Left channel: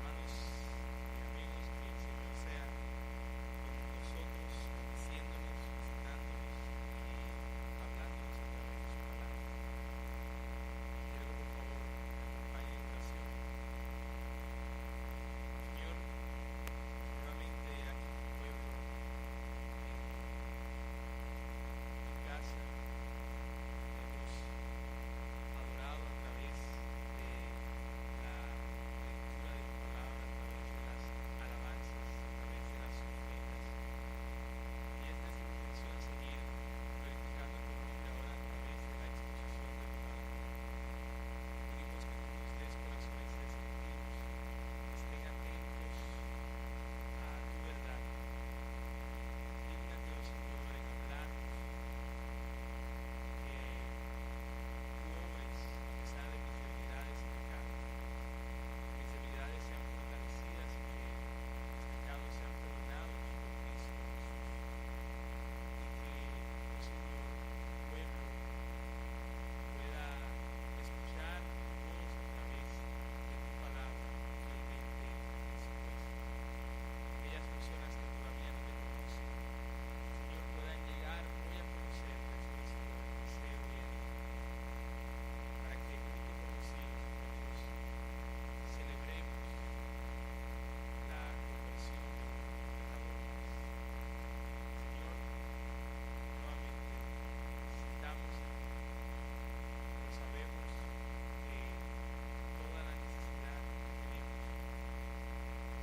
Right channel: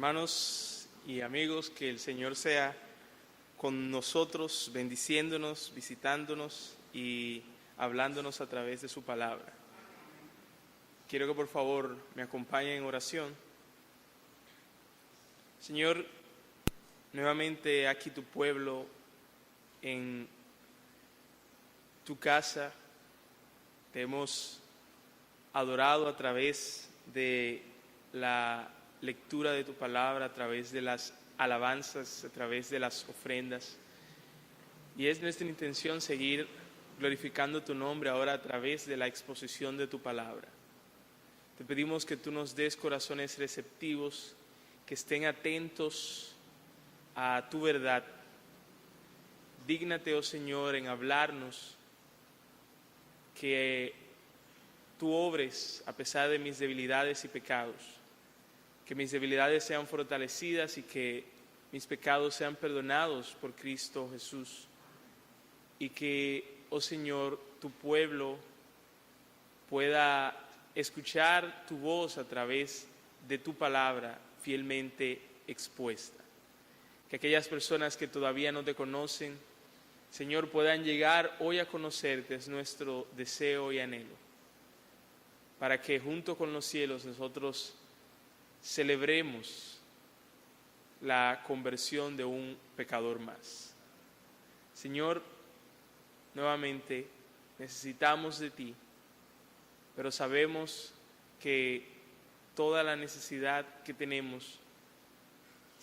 Hermanos y amigos, que el Señor sea con nosotros, bendiciéndonos, visitándonos y hablándonos a través de su palabra. Quiero que por favor me acompañen en oración. Señor, nuevamente aquí tu pueblo, en tu casa, te hemos adorado a través de la lectura de tu palabra, a través de las alabanzas, a través de las ofrendas. Y es nuestra intención seguir glorificando tu nombre ahora a través de la exposición de tu palabra. Te pedimos que tú nos des corazones receptivos, que estén atentos a tu verdad. Dígnate, oh Señor, en hablarnos, que tú obres a pesar de mis debilidades y pecados, que mis debilidades sean fortalecidas y que mis pecados sean perdonados por Cristo Jesús, y que, oh Señor, tu pueblo pueda escuchar tu voz a través de tu palabra fielmente expuesta. Que aquellas personas que todavía no te conocen, Señor, puedan llegar hoy a conocerte. Es nuestro deseo y anhelo, para que junto con los cielos nosotros celebremos la conversión de un pecador más. Señor, nuevamente necesitamos de ti, pero sabemos que toda la necesidad que tenemos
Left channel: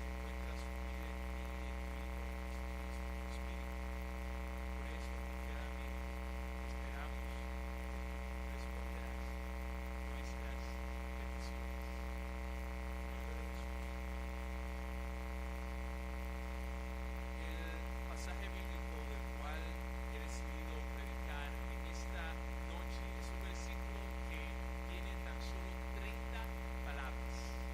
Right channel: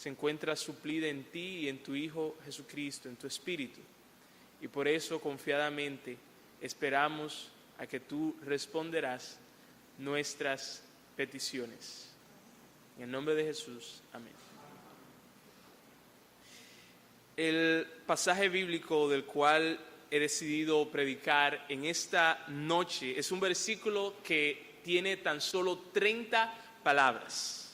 se encuentra suplida en ti y en tu Hijo Jesucristo, en tu Espíritu, y por eso confiadamente esperamos a que tú responderás nuestras peticiones. En el nombre de Jesús, amén. El pasaje bíblico del cual he decidido predicar en esta noche es un versículo que tiene tan solo 30 palabras.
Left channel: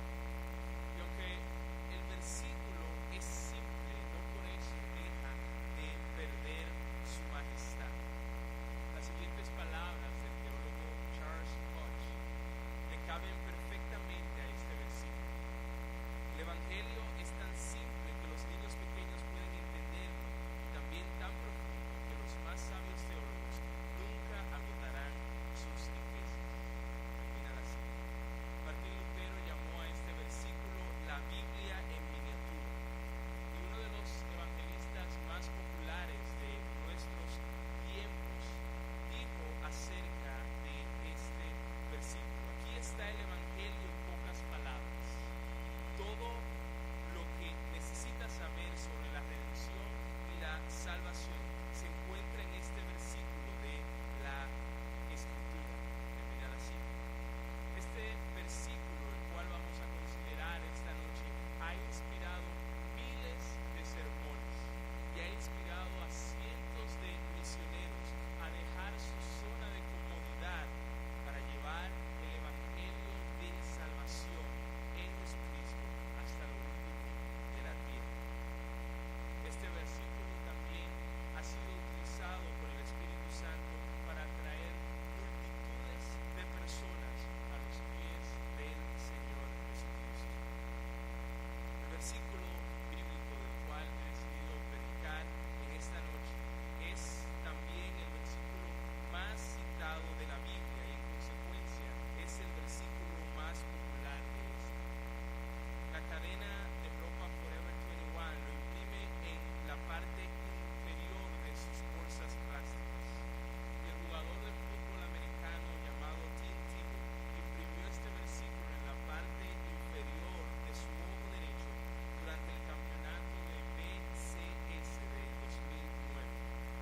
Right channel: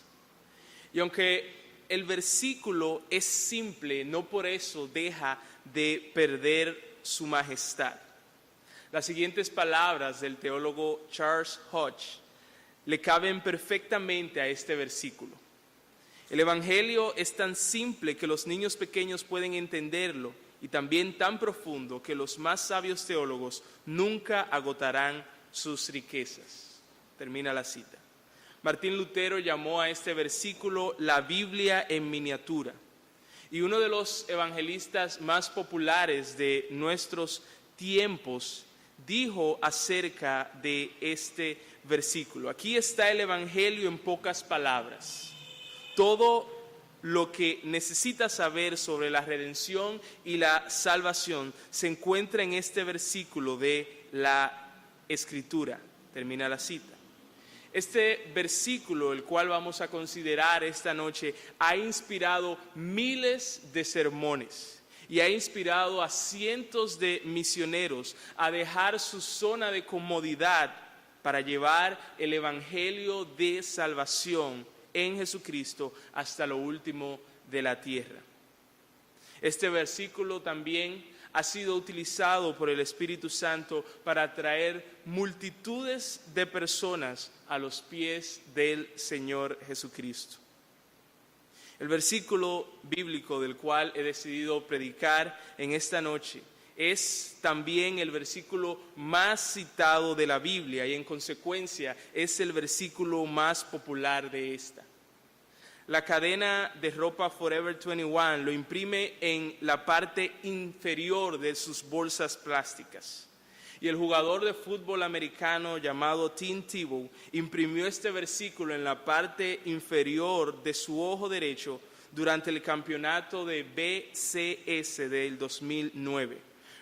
Y aunque el versículo es simple, no por eso deja de perder su majestad. Las siguientes palabras del teólogo Charles Hodge le caben perfectamente a este versículo. El Evangelio es tan simple que los niños pequeños pueden entenderlo, y también tan profundo que los más sabios teólogos nunca agotarán sus riquezas. Termina la cita. Martín Lutero llamó a este versículo la Biblia en miniatura, y uno de los evangelistas más populares de nuestros tiempos dijo acerca de este versículo: aquí está el Evangelio en pocas palabras. Todo lo que necesitas saber sobre la redención y la salvación se encuentra en este versículo de la Escritura. Termina la cita. Este versículo, el cual vamos a considerar esta noche, ha inspirado miles de sermones y ha inspirado a cientos de misioneros a dejar su zona de comodidad para llevar el Evangelio de salvación en Jesucristo hasta lo último de la tierra. Este versículo también ha sido utilizado por el Espíritu Santo para atraer multitudes de personas a los pies del Señor Jesucristo. El versículo bíblico del cual he decidido predicar en esta noche es también el versículo más citado de la Biblia, y en consecuencia es el versículo más popular de esta. La cadena de ropa Forever 21 lo imprime en la parte inferior de sus bolsas plásticas, y el jugador de fútbol americano llamado Tim Tebow imprimió este versículo en la parte inferior de su ojo derecho durante el campeonato de BCS del 2009,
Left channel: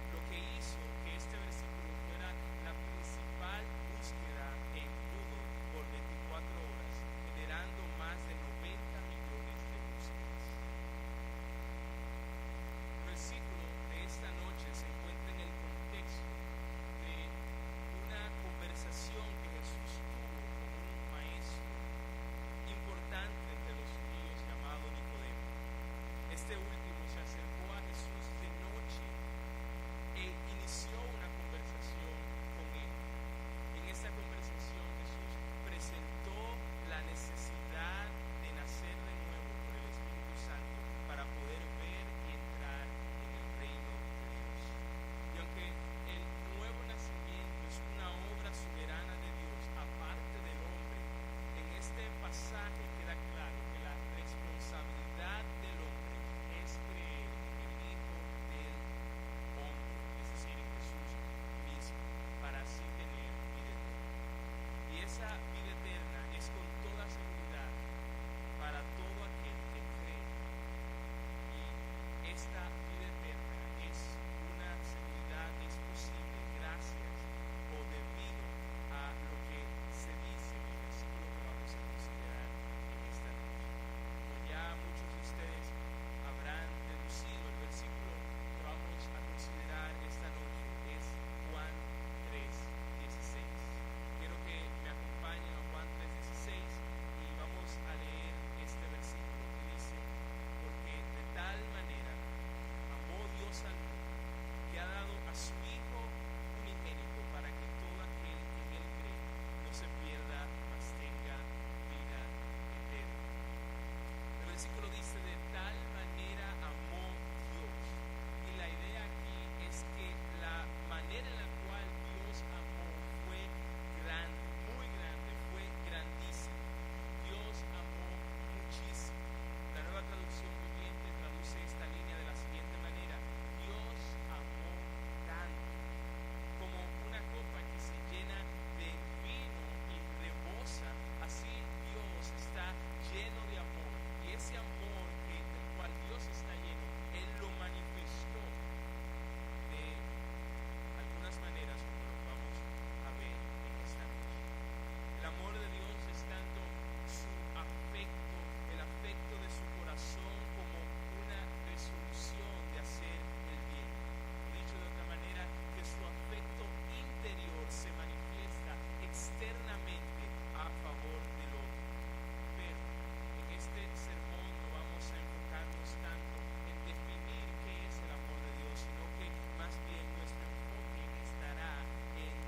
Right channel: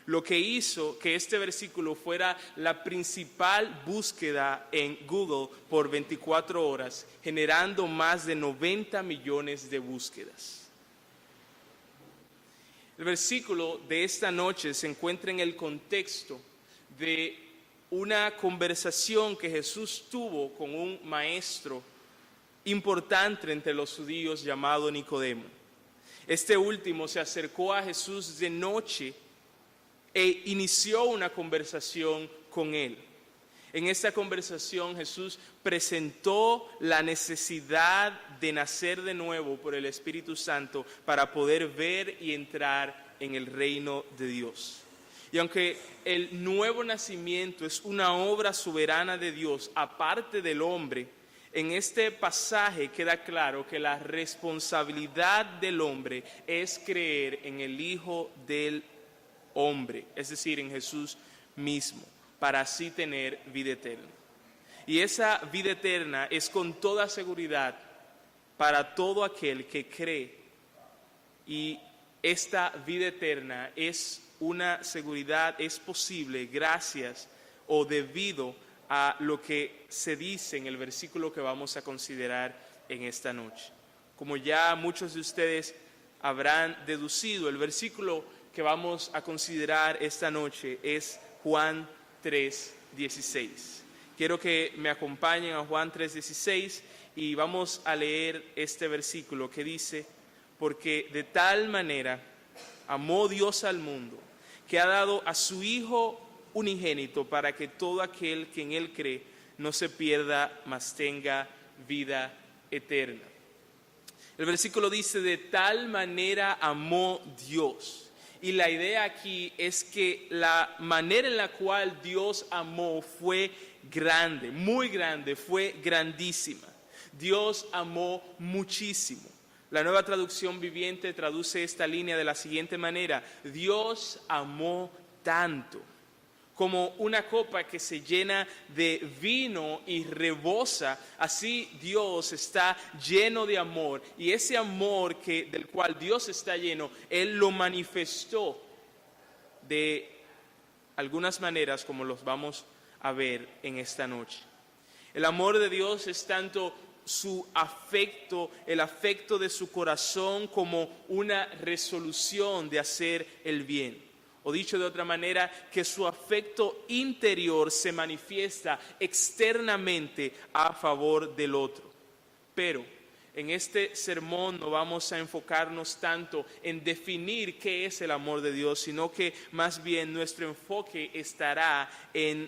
lo que hizo que este versículo fuera la principal búsqueda en Google por 24 horas, generando más de 90 millones de búsquedas. El versículo de esta noche se encuentra en el contexto de una conversación que Jesús tuvo con un maestro importante entre los judíos llamado Nicodemo. Este último se acercó a Jesús de noche e inició una conversación con él. En esta conversación Jesús presentó la necesidad de nacer de nuevo por el Espíritu Santo para poder ver y entrar en el reino de Dios. Y aunque el nuevo nacimiento es una obra soberana de Dios aparte del hombre, en este pasaje queda claro que la responsabilidad del hombre es creer en el Hijo del hombre, es decir, en Jesús mismo, para así tener vida eterna. Y esa vida eterna es con toda seguridad para todo aquel que cree. Y esta vida eterna es una seguridad, es posible gracias o debido a lo que se dice en el versículo que vamos a considerar en esta noche. Como ya muchos de ustedes habrán deducido, el versículo que vamos a considerar esta noche es Juan 3:16. Quiero que me acompañen a Juan 3:16 y vamos a leer este versículo que dice: porque de tal manera amó Dios al mundo, que ha dado a su Hijo unigénito, para que todo aquel que en él cree no se pierda, mas tenga vida eterna. El versículo dice: de tal manera amó Dios. Y la idea aquí es que la manera en la cual Dios amó fue grande, muy grande, fue grandísima. Dios amó muchísimo. La Nueva Traducción Viviente traduce esta línea de la siguiente manera: Dios amó tanto. Como una copa que se llena de vino y rebosa, así Dios está lleno de amor. Y ese amor del cual Dios está lleno, Él lo manifestó de algunas maneras, como los vamos a ver en esta noche. El amor de Dios es tanto su afecto, el afecto de su corazón, como una resolución de hacer el bien. O dicho de otra manera, que su afecto interior se manifiesta externamente a favor del otro. Pero en este sermón no vamos a enfocarnos tanto en definir qué es el amor de Dios, sino que más bien nuestro enfoque estará en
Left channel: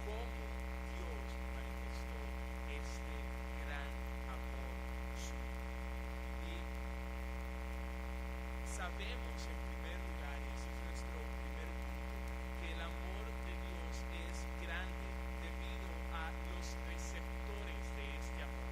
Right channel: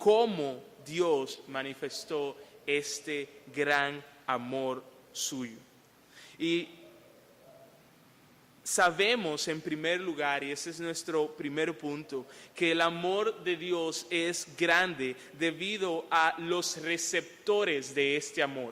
cómo Dios manifestó este gran amor suyo. Y sabemos en primer lugar, y ese es nuestro primer punto, que el amor de Dios es grande debido a los receptores de este amor.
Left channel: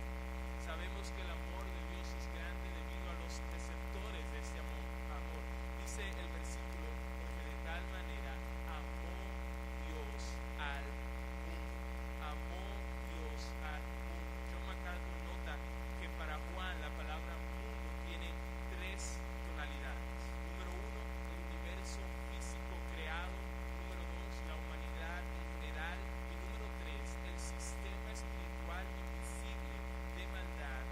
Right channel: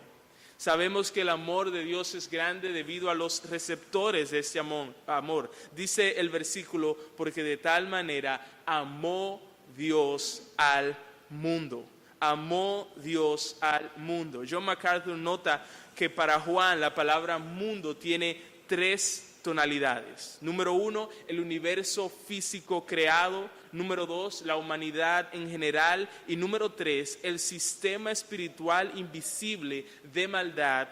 Sabemos que el amor de Dios es grande debido a los receptores de este amor. Dice el versículo: porque de tal manera amó Dios al mundo. Amó Dios al mundo. John MacArthur nota que para Juan la palabra mundo tiene tres tonalidades. Número 1, el universo físico creado. Número 2, la humanidad en general. Y número 3, el sistema espiritual invisible de maldad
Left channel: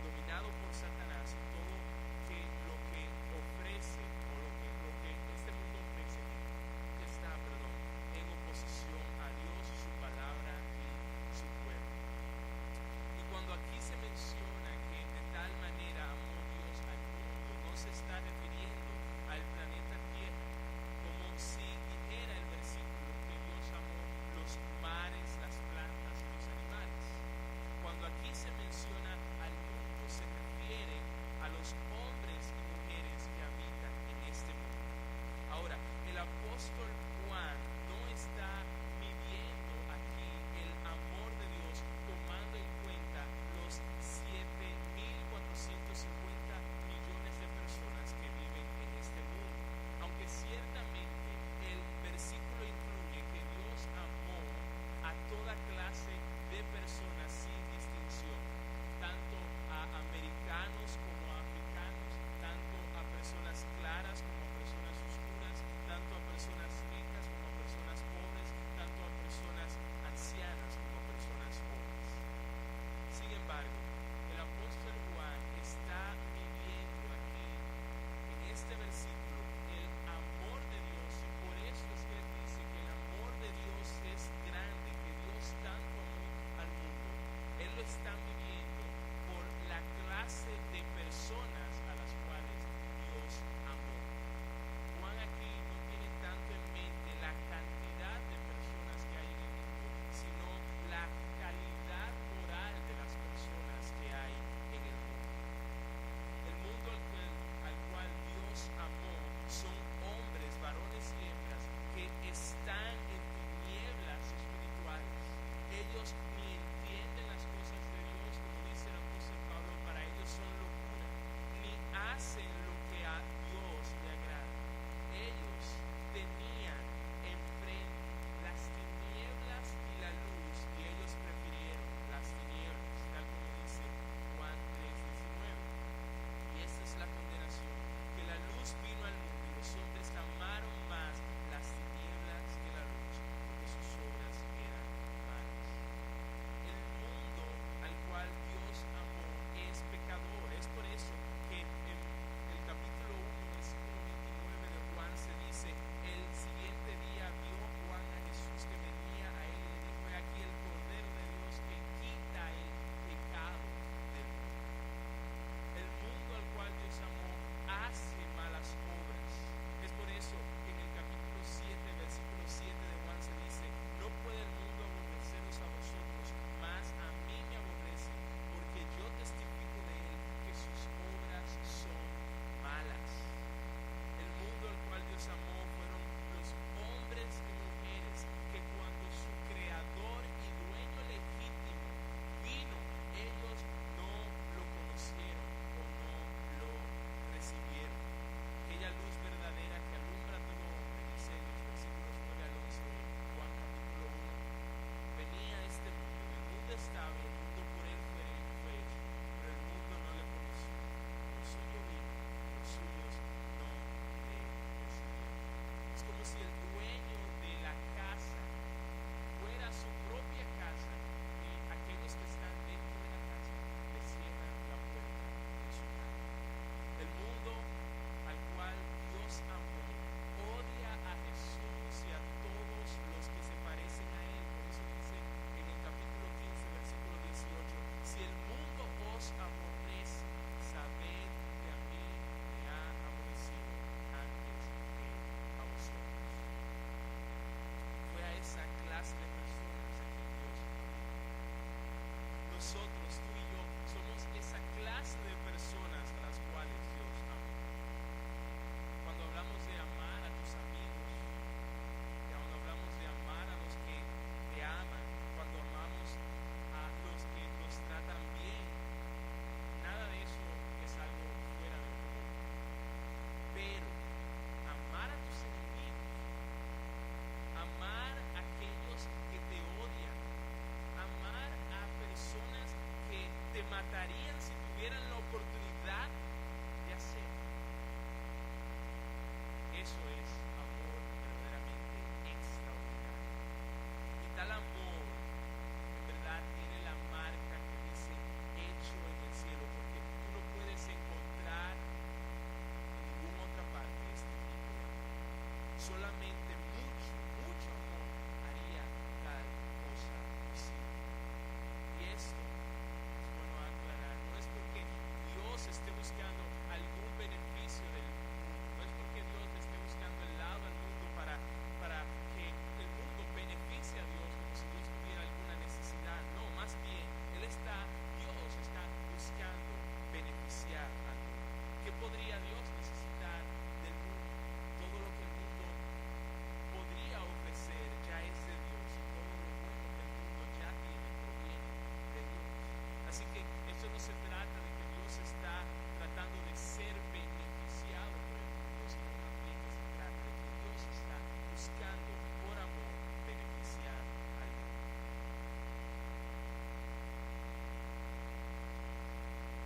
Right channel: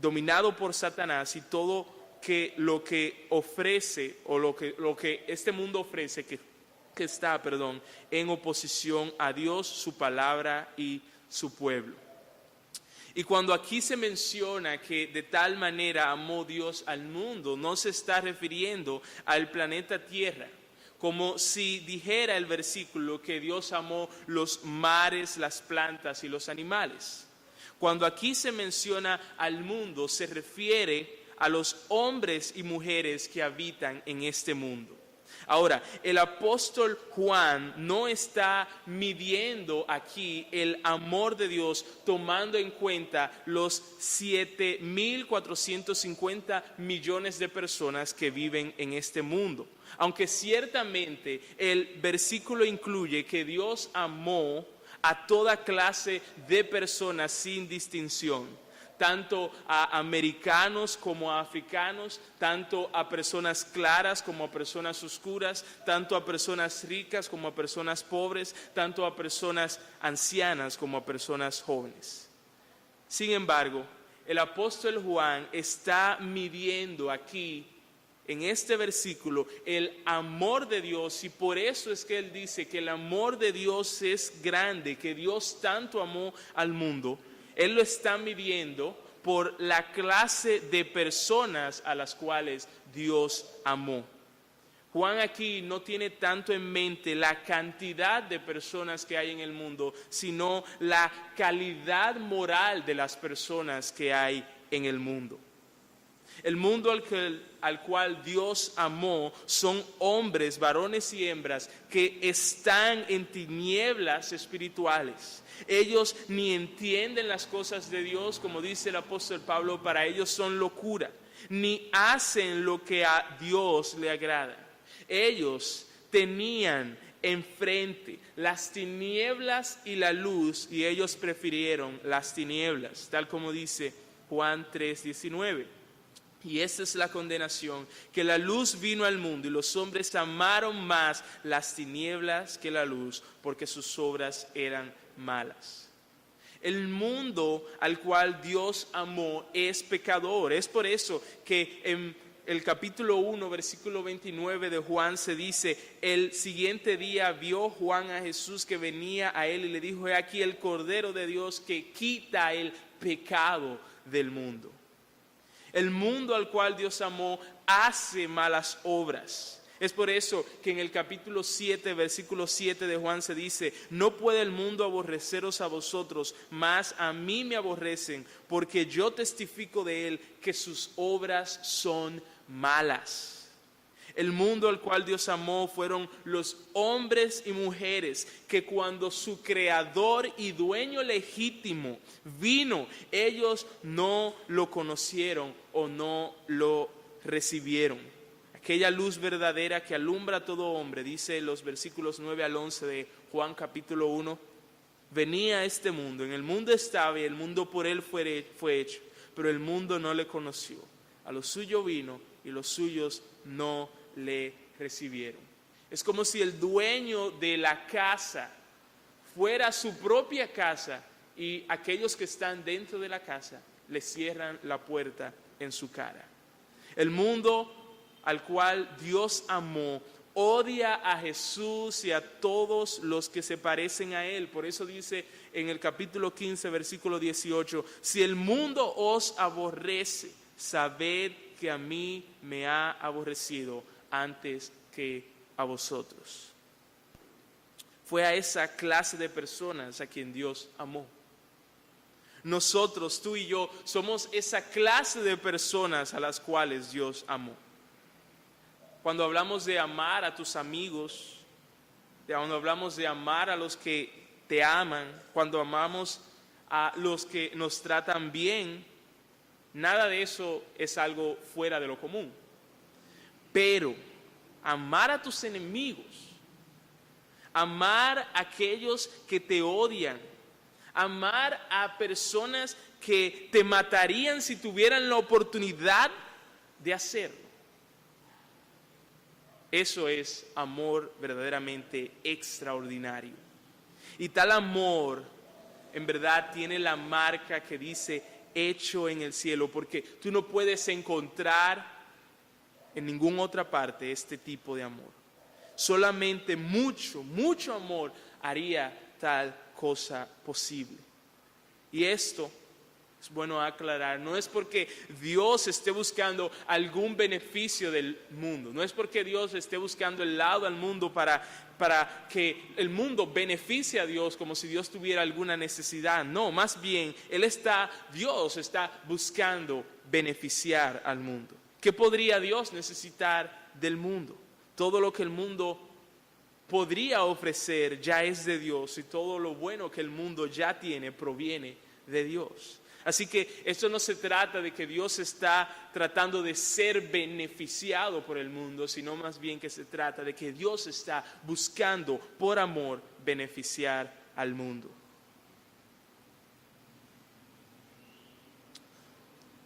dominado por Satanás y todo lo que ofrece, o lo que este mundo ofrece, que está en oposición a Dios, su palabra y su pueblo. Y cuando aquí se menciona que de tal manera amó Dios al mundo, no se está refiriendo al planeta Tierra, como si dijera el versículo que Dios amó los mares, las plantas y los animales. Cuando aquí se menciona al mundo, se refiere a los hombres y mujeres que habitan en este mundo. Ahora, el apóstol Juan no está midiendo aquí el amor de Dios tomando en cuenta los 7.450 millones de personas que viven en este mundo. Aunque ciertamente el versículo incluye que Dios amó a toda clase de personas sin distinción, tanto a americanos como a africanos, tanto a personas claras como a personas oscuras, tanto a personas ricas como a personas pobres, tanto a personas ancianas como a personas jóvenes. Sin embargo, el apóstol Juan está midiendo aquí, en este versículo, el amor de Dios, y por eso es que él dice que el amor de Dios es grande, que Dios tanto amó al mundo. Él lo está midiendo por la clase de personas a las cuales Dios amó. Juan aquí no tiene tanto en mente la cantidad de personas que hay en el mundo, sino la calidad moral de las personas que hay en el mundo. El mundo al cual Dios amó son hombres, varones y hembras que están en tinieblas espirituales. Ellos ni entienden las cosas de Dios, como dice el apóstol Pablo, para ellos son locura, ni hacen lo que a Dios le agrada. Ellos tenían enfrente las tinieblas y la luz, y ellos prefirieron las tinieblas, tal como dice Juan 3:19. Y esta es la condenación, que la luz vino al mundo y los hombres amaron más las tinieblas que la luz, porque sus obras eran malas. El mundo al cual Dios amó es pecador. Es por eso que en el capítulo 1, versículo 29 de Juan se dice: el siguiente día vio Juan a Jesús que venía a él y le dijo: he aquí el Cordero de Dios que quita el pecado del mundo. El mundo al cual Dios amó hace malas obras. Es por eso que en el capítulo 7, versículo 7 de Juan se dice: no puede el mundo aborreceros a vosotros, mas a mí me aborrecen, porque yo testifico de él que sus obras son malas. El mundo al cual Dios amó fueron los hombres y mujeres que cuando su creador y dueño legítimo vino, ellos no lo conocieron o no lo recibieron. Aquella luz verdadera que alumbra a todo hombre, dice los versículos 9 al 11 de Juan capítulo 1, venía a este mundo, en el mundo estaba y el mundo por él fue hecho, pero el mundo no le conoció. A lo suyo vino y los suyos no le recibieron. Es como si el dueño de la casa fuera su propia casa y aquellos que están dentro de la casa le cierran la puerta en su cara. El mundo al cual Dios amó odia a Jesús y a todos los que se parecen a él. Por eso dice en el capítulo 15, versículo 18: si el mundo os aborrece, sabed que a mí me ha aborrecido antes que a vosotros. Fue a esa clase de personas a quien Dios amó. Nosotros, tú y yo, somos esa clase de personas a las cuales Dios amó. Cuando hablamos de amar a tus amigos, cuando hablamos de amar a los que te aman, cuando amamos a los que nos tratan bien, nada de eso es algo fuera de lo común. Pero amar a tus enemigos, amar a aquellos que te odian, amar a personas que te matarían si tuvieran la oportunidad de hacerlo, eso es amor verdaderamente extraordinario. Y tal amor en verdad tiene la marca que dice hecho en el cielo, porque tú no puedes encontrar en ninguna otra parte este tipo de amor. Solamente mucho amor haría tal cosa posible. Y esto es bueno aclarar, no es porque Dios esté buscando algún beneficio del mundo, no es porque Dios esté buscando el lado al mundo para que el mundo beneficie a Dios como si Dios tuviera alguna necesidad. No, más bien Dios está buscando beneficiar al mundo. ¿Qué podría Dios necesitar del mundo? Todo lo que el mundo podría ofrecer ya es de Dios, y todo lo bueno que el mundo ya tiene proviene de Dios. Así que esto no se trata de que Dios está tratando de ser beneficiado por el mundo, sino más bien que se trata de que Dios está buscando por amor beneficiar al mundo.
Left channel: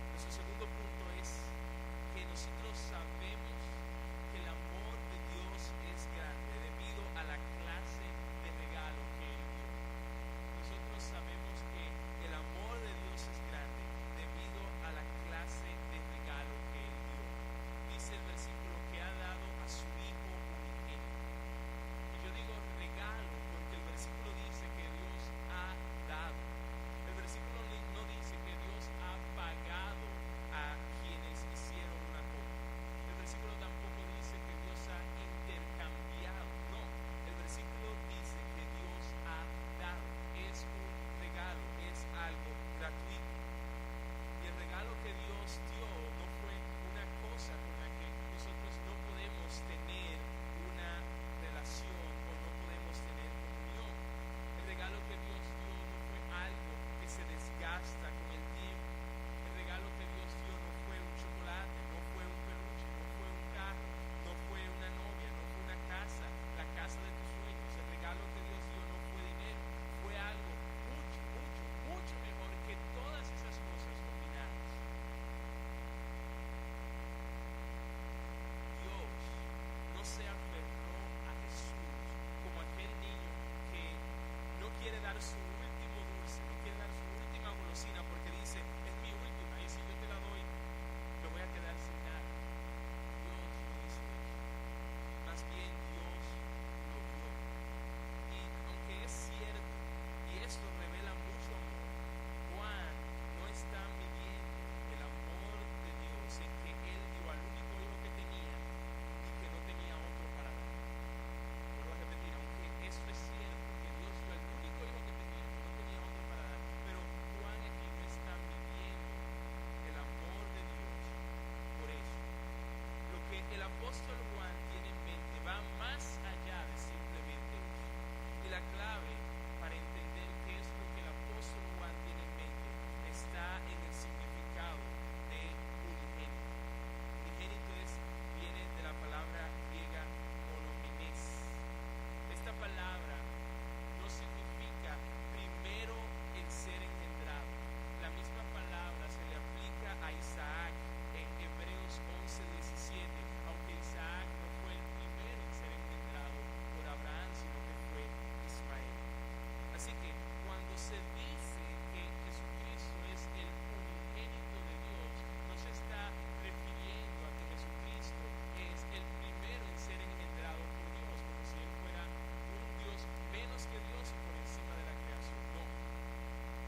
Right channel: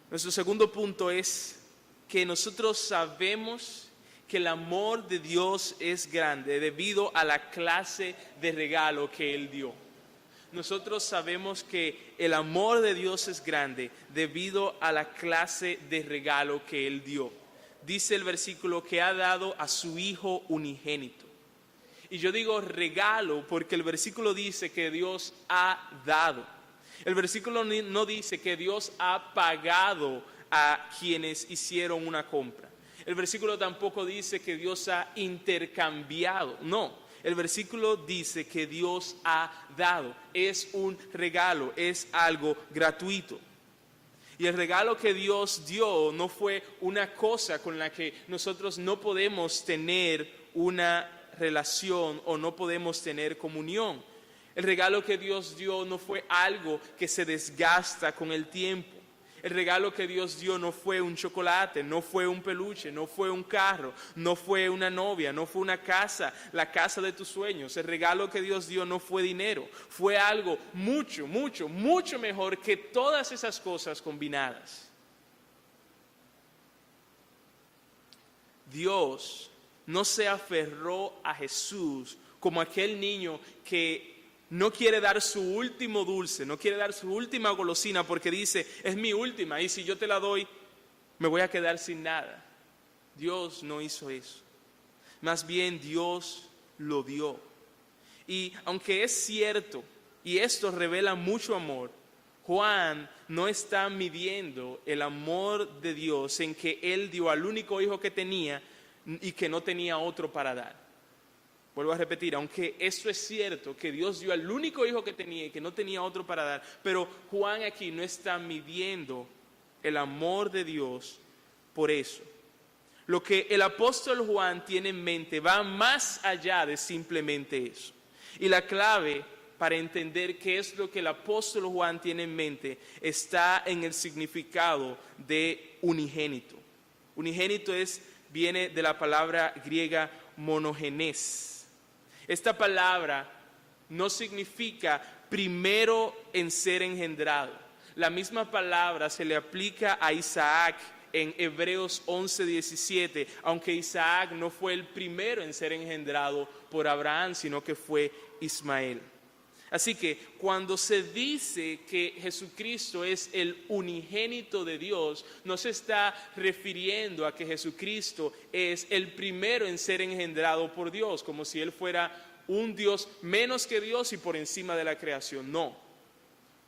Nuestro segundo punto es que nosotros sabemos que el amor de Dios es grande debido a la clase de regalo que Él dio. Nosotros sabemos que el amor de Dios es grande debido a la clase de regalo que Él dio. Dice el versículo que ha dado a su Hijo unigénito. Y yo digo regalo porque el versículo dice que Dios ha dado. El versículo no dice que Dios ha pagado a quienes hicieron una compra. El versículo tampoco dice que Dios ha intercambiado. No, el versículo dice que Dios ha dado. Es un regalo, es algo gratuito. Y el regalo que Dios dio no fue una cosa con la que nosotros no podemos tener una relación o no podemos tener comunión. El regalo que Dios dio no fue algo que se desgasta con el tiempo. El regalo que Dios dio no fue un chocolate, no fue un peluche, no fue un carro, no fue una novia, no fue una casa, la casa de tus sueños. El regalo que Dios dio no fue dinero, fue algo mucho, mucho, mucho mejor que todas esas cosas combinadas. Dios no se aferró a Jesús como aquel niño que no quiere dar su último dulce, no quiere dar su última golosina porque dice, es mi última y si yo te la doy, me voy a quedar sin nada. Dios no hizo eso. Más bien Dios lo dio. Y aunque es cierto, y esto revela mucho amor, Juan no está midiendo el amor de Dios en que Él dio al único hijo que tenía y que no tenía otro para dar. Vuelvo a repetir, aunque eso es cierto, que Dios dio al único hijo que tenía y que no tenía otro para dar, pero Juan aquí no está midiendo el amor de Dios por eso. Lo que el apóstol Juan tiene en mente va más allá de simplemente eso. Y la clave para entender qué es lo que el apóstol Juan tiene en mente está en el significado de unigénito. Unigénito viene de la palabra griega monogenes. Esta palabra no significa primero en ser engendrado. La misma palabra se le aplica a Isaac en Hebreos 11:17, aunque Isaac no fue el primero en ser engendrado por Abraham, sino que fue Ismael. Así que cuando se dice que Jesucristo es el unigénito de Dios, no se está refiriendo a que Jesucristo es el primero en ser engendrado por Dios, como si Él fuera un Dios menos que Dios y por encima de la creación. No.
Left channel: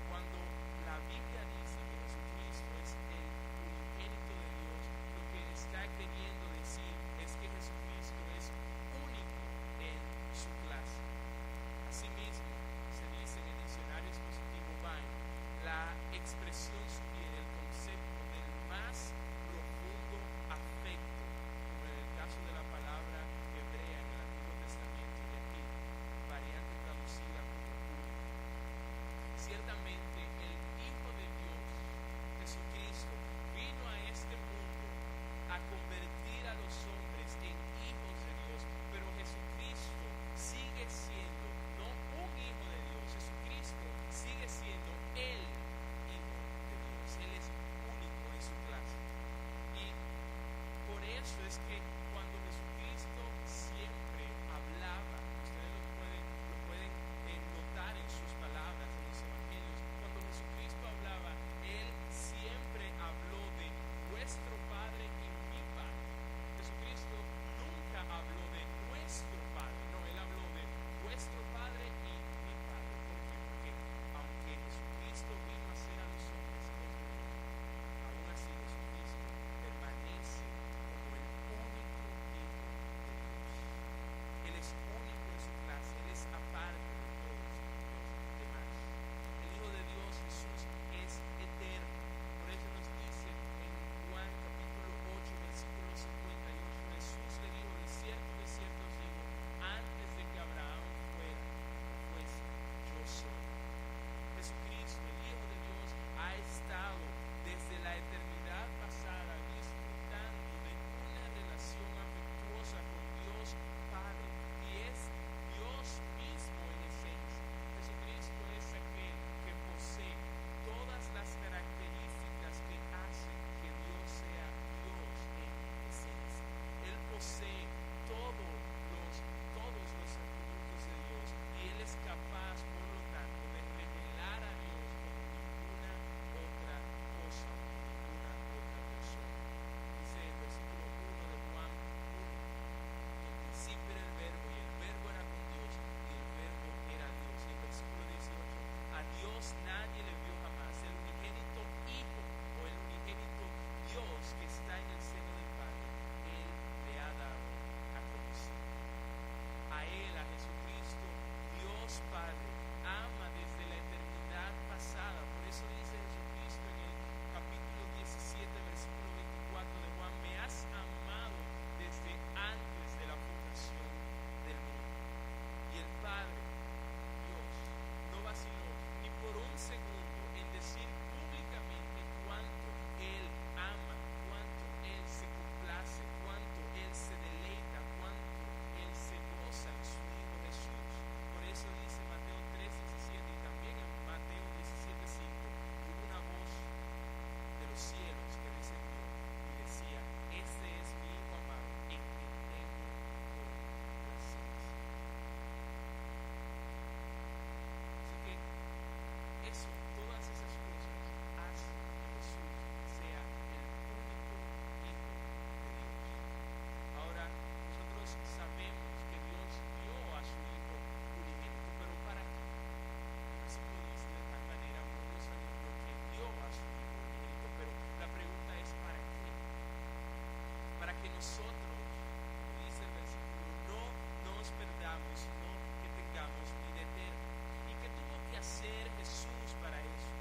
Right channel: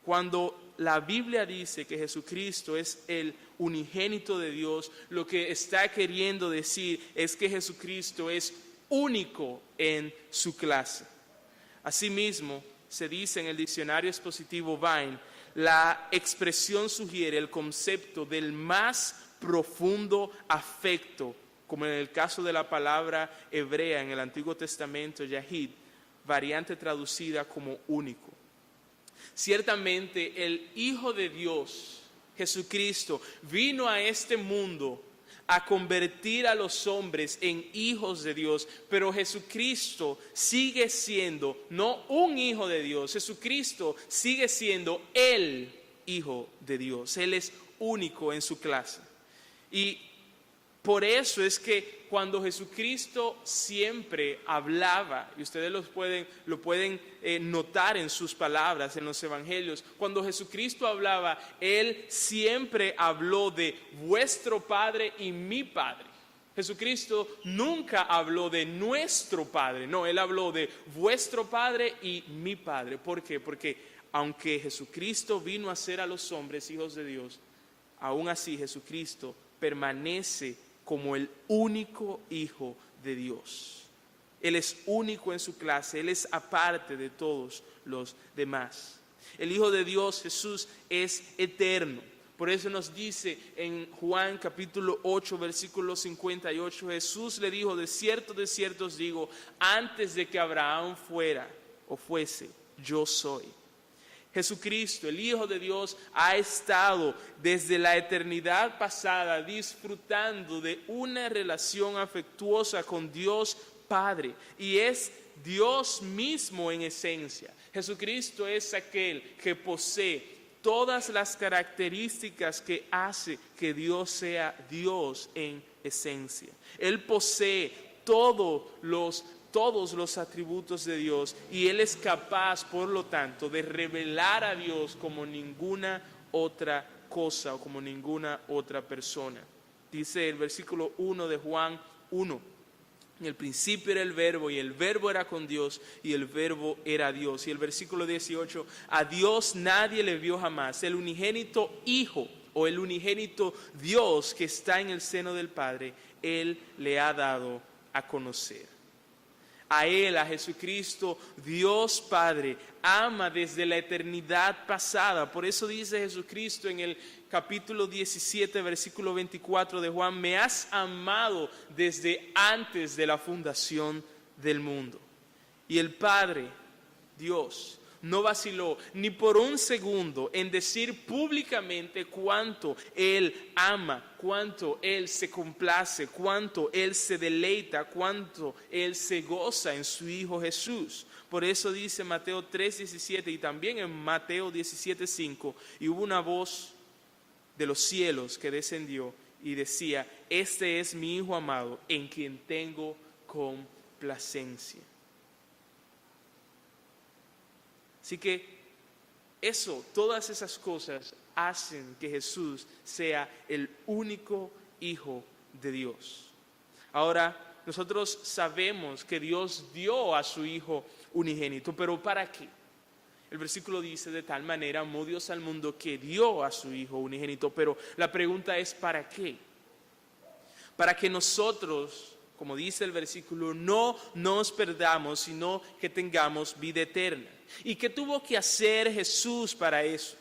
Cuando la Biblia dice que Jesucristo es el unigénito de Dios, lo que está queriendo decir es que Jesucristo es único en su clase. Asimismo, se dice en el diccionario expositivo Vine, la expresión sugiere el concepto del más profundo afecto, como en el caso de la palabra hebrea en el Antiguo Testamento, Yahid, variante traducida como único. Ciertamente el Hijo de Dios, Jesucristo, vino a este mundo a convertir a los hombres en hijos de Dios, pero Jesucristo sigue siendo no un hijo de Dios, Jesucristo sigue siendo el Hijo de Dios. Él es único en su clase. Y por eso es que cuando Jesucristo siempre hablaba, y ustedes lo pueden notar en sus palabras, en los evangelios, cuando Jesucristo hablaba, Él siempre habló de vuestro Padre y mi Padre. Jesucristo nunca habló de nuestro Padre, no, Él habló de vuestro Padre y mi Padre. ¿Por qué? Porque aunque Jesucristo vino a ser a los hombres hijos de Dios, aún así Jesucristo permanece como el único Hijo de Dios. Él es único en su clase, Él es aparte de todos los demás. El Hijo de Dios, Jesús, es eterno. Por eso nos dice en Juan capítulo 8, versículo 58, Jesús le dijo, de cierto os digo, antes de que Abraham fuera o fuese, yo soy. Jesucristo, el Hijo de Dios, ha estado desde la eternidad pasada disfrutando de una relación afectuosa con Dios Padre, y es Dios mismo en esencia. Jesucristo es aquel que posee todas las características que hace que Dios sea Dios en esencia. Él posee todos los atributos de Dios, y Él es capaz, por lo tanto, de revelar a Dios como ninguna otra cosa o como ninguna otra persona. Dice el versículo 1 de Juan 1: en el principio era el verbo, y el verbo era con Dios, y el verbo era Dios. Y el versículo 18: a Dios nadie le vio jamás. El unigénito Hijo o el unigénito Dios que está en el seno del Padre, Él le ha dado a conocer. A Él, a Jesucristo, Dios Padre ama desde la eternidad pasada. Por eso dice Jesucristo en el capítulo 17, versículo 24 de Juan: me has amado desde antes de la fundación del mundo. Y el Padre, Dios, no vaciló ni por un segundo en decir públicamente cuánto Él ama, cuánto Él se complace, cuánto Él se deleita, cuánto Él se goza en su Hijo Jesús. Por eso dice Mateo 3:17 y también en Mateo 17:5: y hubo una voz de los cielos que descendió y decía: este es mi Hijo amado, en quien tengo complacencia. Así que todas esas cosas hacen que Jesús sea el único Hijo de Dios. Ahora, nosotros sabemos que Dios dio a su Hijo unigénito, pero ¿para qué? El versículo dice: de tal manera amó Dios al mundo que dio a su Hijo unigénito. Pero la pregunta es: ¿para qué? Para que nosotros, como dice el versículo, no nos perdamos, sino que tengamos vida eterna. ¿Y qué tuvo que hacer Jesús para eso?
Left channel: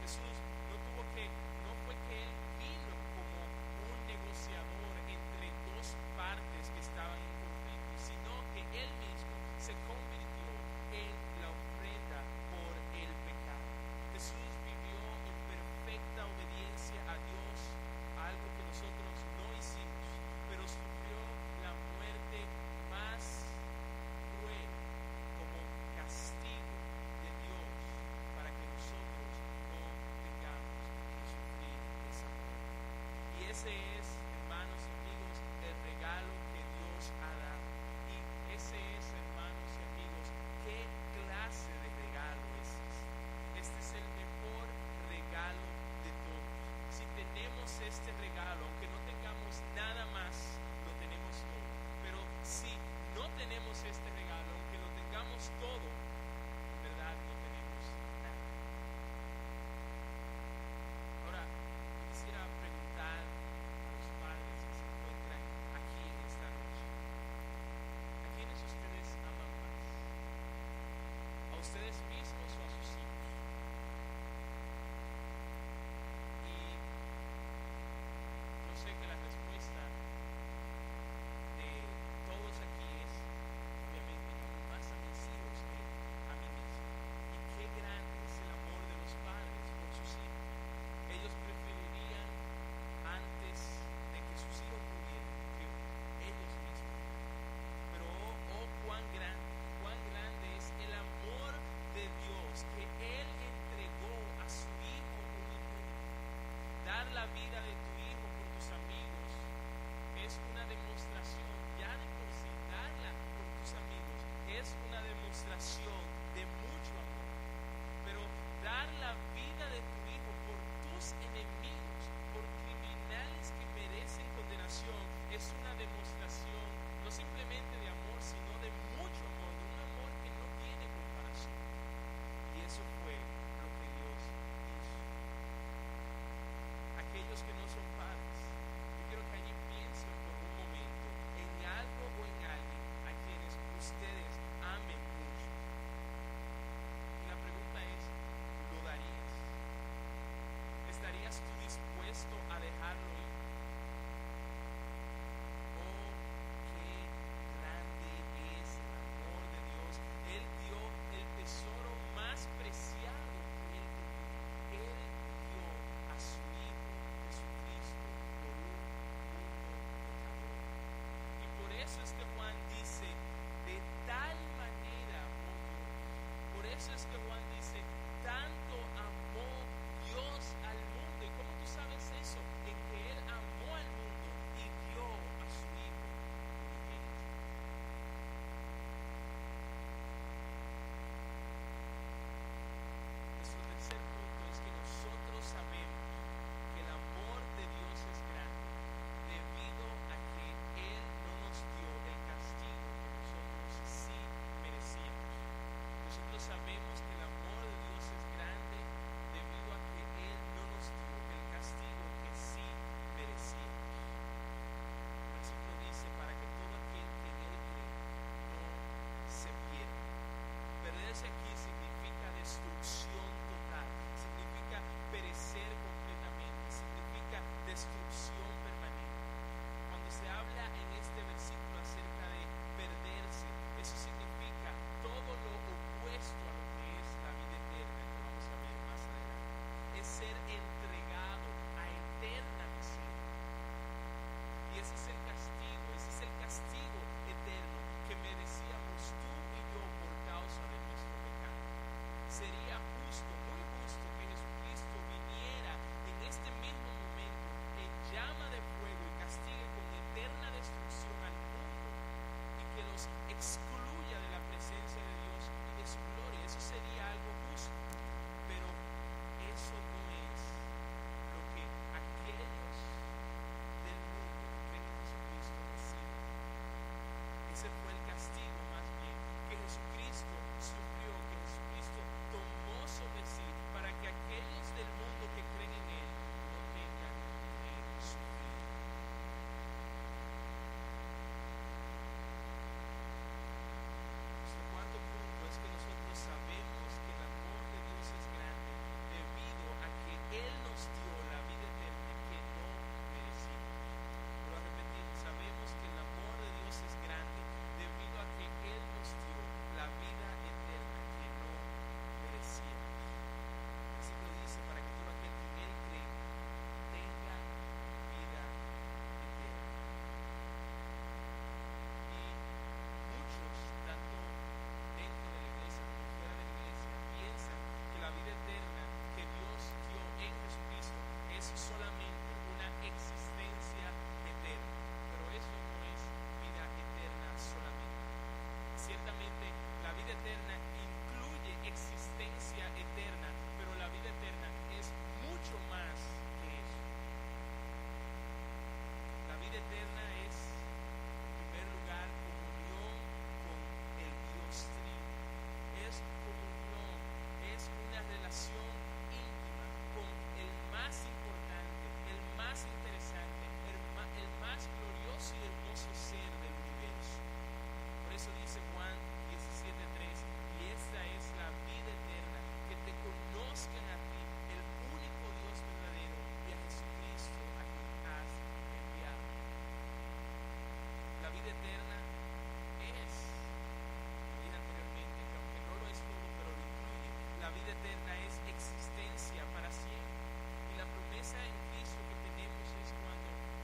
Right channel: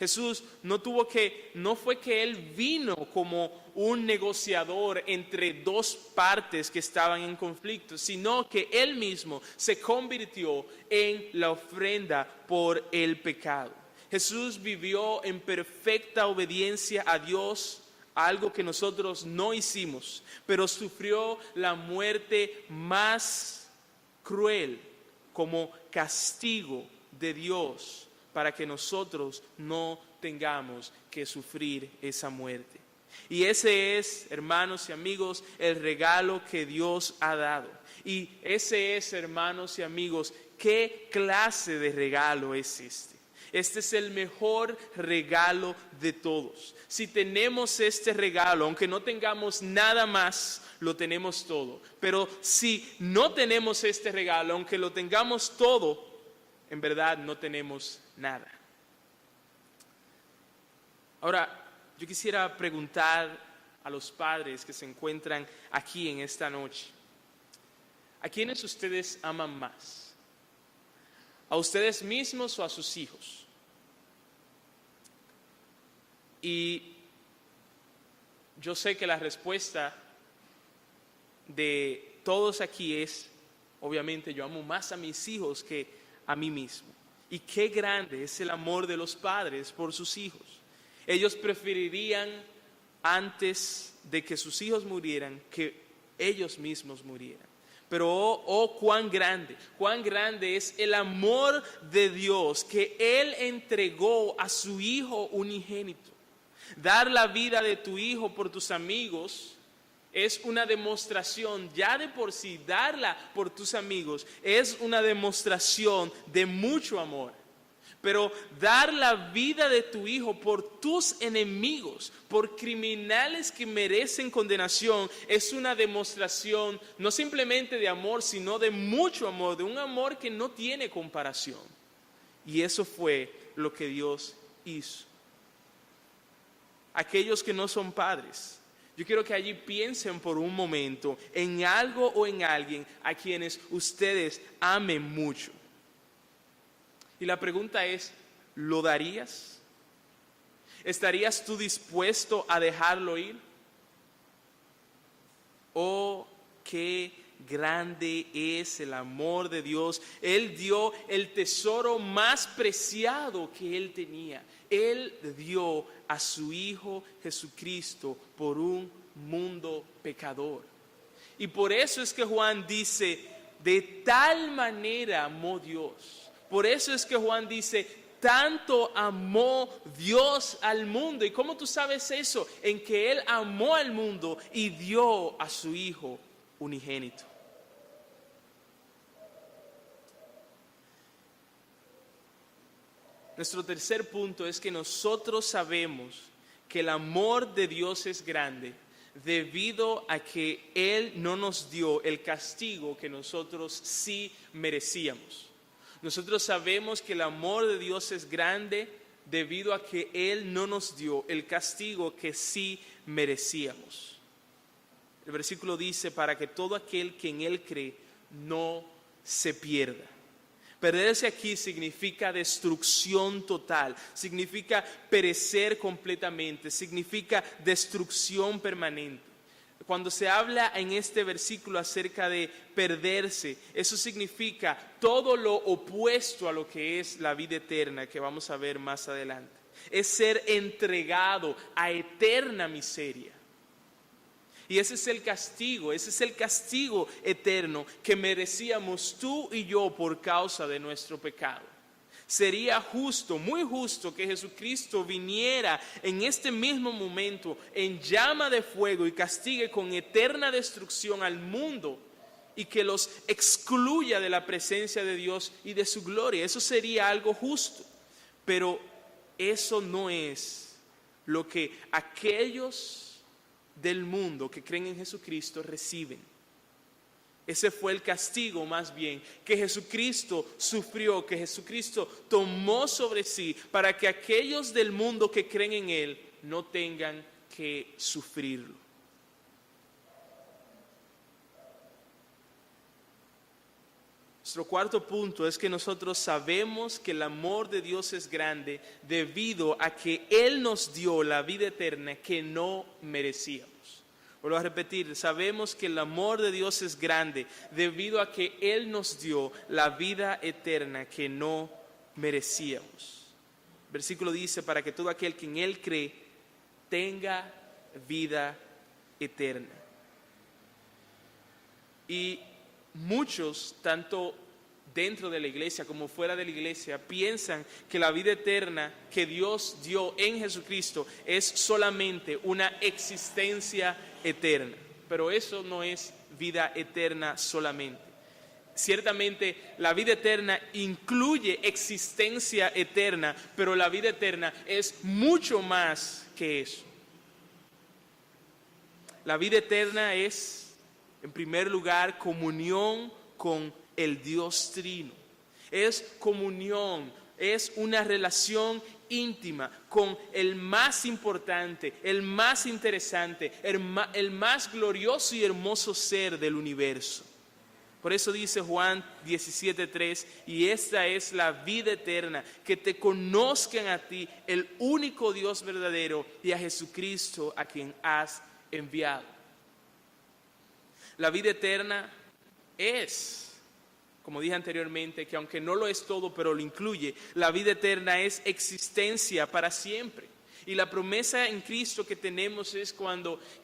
Jesús no fue que Él vino como un negociador entre dos partes que estaban en conflicto, sino que Él mismo se convirtió en la ofrenda por el pecado. Jesús vivió en perfecta obediencia a Dios, algo que nosotros no hicimos, pero sufrió la muerte más cruel como castigo de Dios para que nosotros no tengamos que sufrir esa muerte. Y ese es, hermanos y amigos, el regalo que Dios ha dado. Y ese es, hermanos y amigos, ¿qué clase de regalo es este? Este es el mejor regalo de todos. Si tenemos este regalo, aunque no tengamos nada más, lo tenemos todo. Pero si no tenemos este regalo, aunque lo tengamos todo, en verdad no tenemos nada. Ahora, yo quisiera preguntar a los padres que se encuentran aquí en esta noche: ¿a quiénes ustedes aman más? ¿A ustedes mismos o a sus hijos? Y yo sé que la respuesta de todos aquí es: obviamente yo amo más a mis hijos que a mí mismo. Y qué grande es el amor de los padres por sus hijos. Ellos preferirían, antes de que sus hijos murieran, que ellos mismos murieran. Pero cuán grande es el amor de Dios, que Él entregó a su Hijo unigénito. Dar la vida de tu hijo por tus amigos es una demostración, ya de por sí, darla por tus amigos es una demostración de mucho amor. Pero dar la vida de tu hijo por tus enemigos, por criminales que merecen condenación, es una demostración no simplemente de amor, sino de mucho amor, de un amor que no tiene comparación. Y eso fue lo que Dios hizo. Aquellos que no son padres, yo quiero que allí piensen por un momento en algo o en alguien a quienes ustedes amen mucho. Y la pregunta es: ¿lo darías? ¿Estarías tú dispuesto a dejarlo ir? Oh, qué grande es el amor de Dios. Él dio el tesoro más preciado que Él tenía. Él dio a su Hijo Jesucristo por un mundo pecador. Y por eso es que Juan dice: de tal manera amó Dios. Por eso es que Juan dice: tanto amó Dios al mundo. ¿Y cómo tú sabes eso? En que Él amó al mundo y dio a su Hijo unigénito. Nuestro tercer punto es que nosotros sabemos que el amor de Dios es grande debido a que Él no nos dio el castigo que nosotros sí merecíamos. Nosotros sabemos que el amor de Dios es grande debido a que Él no nos dio el castigo que sí merecíamos. El versículo dice: para que todo aquel que en Él cree no se pierda, Perderse aquí significa destrucción total, significa perecer completamente, significa destrucción permanente. Cuando se habla en este versículo acerca de perderse, eso significa todo lo opuesto a lo que es la vida eterna, que vamos a ver más adelante. Es ser entregado a eterna miseria. Y ese es el castigo eterno que merecíamos tú y yo por causa de nuestro pecado. Sería justo, muy justo, que Jesucristo viniera en este mismo momento en llama de fuego y castigue con eterna destrucción al mundo y que los excluya de la presencia de Dios y de su gloria. Eso sería algo justo, pero eso no es lo que aquellos del mundo que creen en Jesucristo reciben. Ese fue el castigo más bien que Jesucristo sufrió, que Jesucristo tomó sobre sí para que aquellos del mundo que creen en Él no tengan que sufrirlo. Nuestro cuarto punto es que nosotros sabemos que el amor de Dios es grande debido a que Él nos dio la vida eterna que no merecíamos. Vuelvo a repetir, sabemos que el amor de Dios es grande debido a que Él nos dio la vida eterna que no merecíamos. El versículo dice, para que todo aquel que en Él cree tenga vida eterna. Y muchos, tanto dentro de la iglesia como fuera de la iglesia, piensan que la vida eterna que Dios dio en Jesucristo es solamente una existencia eterna, pero eso no es vida eterna solamente. Ciertamente la vida eterna incluye existencia eterna, pero la vida eterna es mucho más que eso. La vida eterna es, en primer lugar, comunión con el Dios Trino. Es comunión, es una relación íntima con el más importante, el más interesante, el más glorioso y hermoso ser del universo. Por eso dice Juan 17:3, y esta es la vida eterna, que te conozcan a ti, el único Dios verdadero, y a Jesucristo a quien has enviado. La vida eterna es, como dije anteriormente, que aunque no lo es todo, pero lo incluye, la vida eterna es existencia para siempre. Y la promesa en Cristo que tenemos es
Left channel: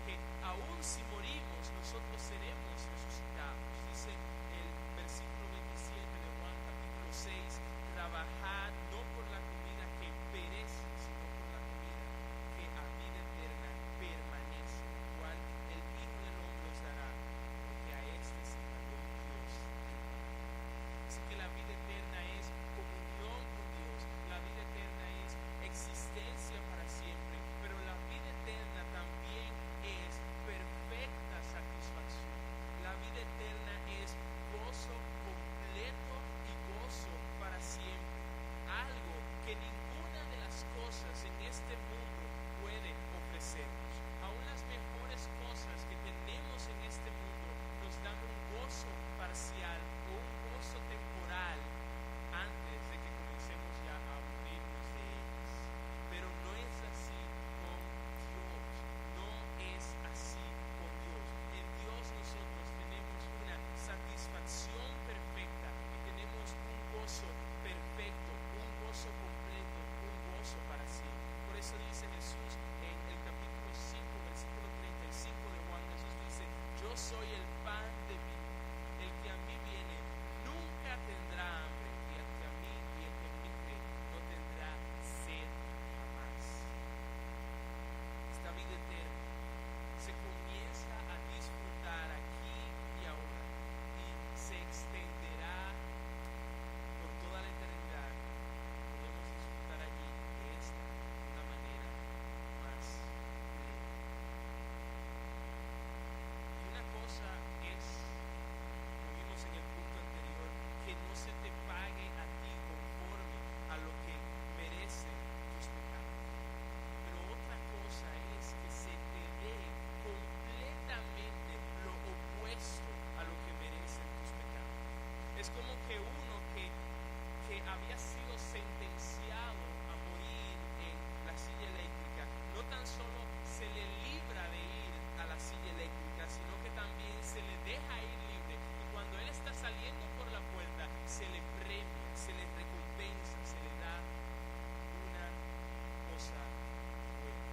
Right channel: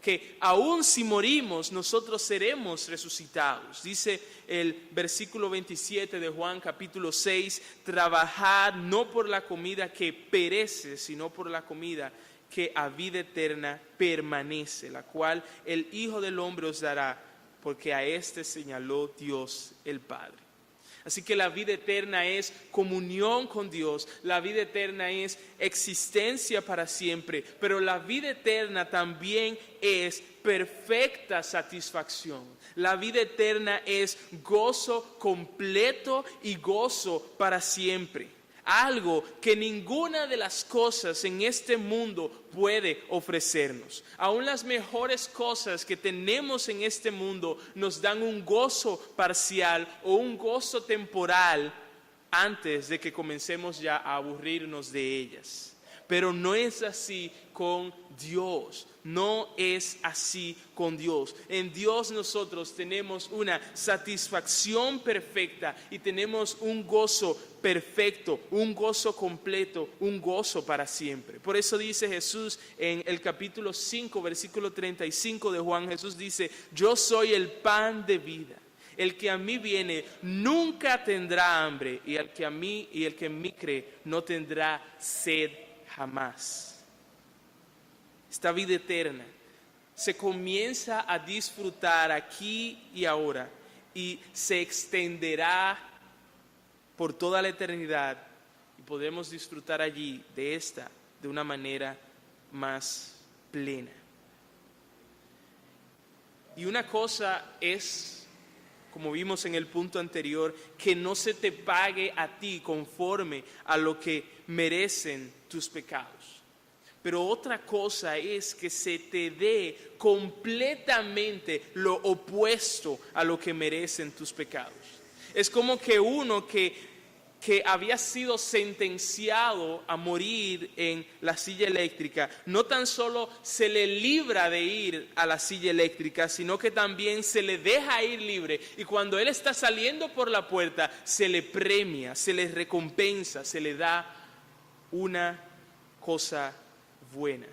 que aun si morimos, nosotros seremos resucitados. Dice el versículo 27 de Juan capítulo 6, trabajad no por la comida que perece, sino por la comida que a vida eterna permanece, la cual el Hijo del Hombre os dará, porque a este señaló Dios el Padre. Así que la vida eterna es comunión con Dios, la vida eterna es existencia para siempre, pero la vida eterna también es perfecta satisfacción. La vida eterna es gozo completo y gozo para siempre. Algo que ninguna de las cosas en este mundo puede ofrecernos. Aún las mejores cosas que tenemos en este mundo nos dan un gozo parcial o un gozo temporal antes de que comencemos ya a aburrirnos de ellas. Pero no es así con Dios. No es así con Dios. En Dios nosotros tenemos una satisfacción perfecta y tenemos un gozo perfecto, un gozo completo, un gozo para siempre. Por eso dice Jesús en el capítulo 5, versículo 35 de Juan, Jesús dice, yo soy el pan de vida. El que a mí viene nunca tendrá hambre, y el que en mí cree no tendrá sed jamás. Esta vida eterna se comienza a disfrutar aquí y ahora y se extenderá por toda la eternidad. Podemos disfrutar allí de una manera más plena. Y una cosa es, como vimos en el punto anterior, que no se te pague a ti conforme a lo que merecen tus pecados. Pero otra cosa es que se te dé completamente lo opuesto a lo que merecen tus pecados. Es como que uno que que había sido sentenciado a morir en la silla eléctrica, no tan solo se le libra de ir a la silla eléctrica, sino que también se le deja ir libre. Y cuando él está saliendo por la puerta, se le premia, se le recompensa, se le da una cosa buena.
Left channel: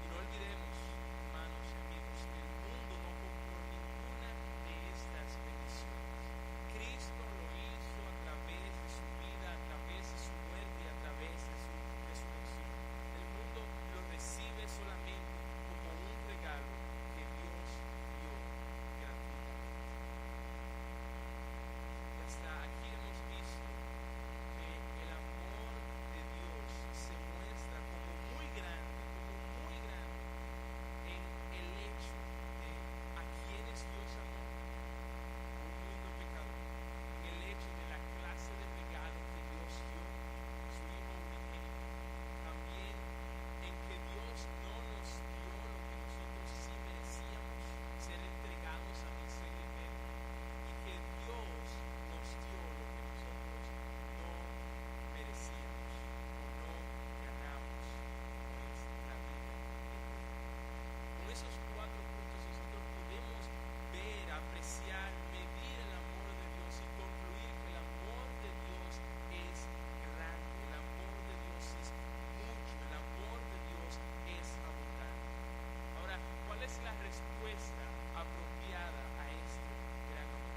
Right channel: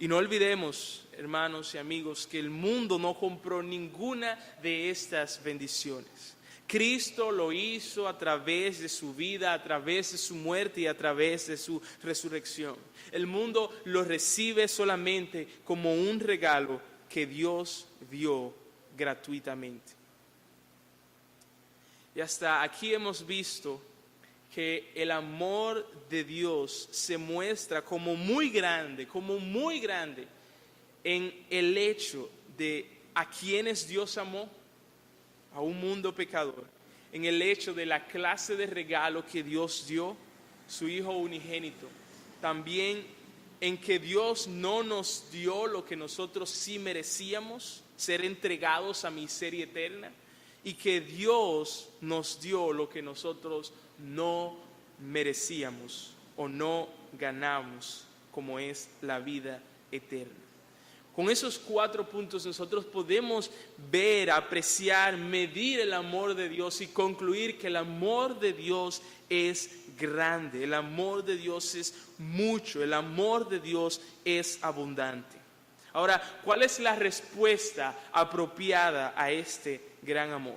Y no olvidemos, hermanos y amigos, que el mundo no compró ninguna de estas bendiciones. Cristo lo hizo a través de su vida, a través de su muerte y a través de su resurrección. El mundo lo recibe solamente como un regalo que Dios dio gratuitamente. Y hasta aquí hemos visto que el amor de Dios se muestra como muy grande en el hecho de a quienes Dios amó, a un mundo pecador, en el hecho de la clase de regalo que Dios dio, su Hijo unigénito, también en que Dios no nos dio lo que nosotros sí merecíamos, ser entregados a miseria eterna, y que Dios nos dio lo que nosotros no merecíamos o no ganamos, como es la vida eterna. Con esos 4 puntos nosotros podemos ver, apreciar, medir el amor de Dios y concluir que el amor de Dios es grande, el amor de Dios es mucho, el amor de Dios es abundante. Ahora, ¿cuál es la respuesta apropiada a este gran amor?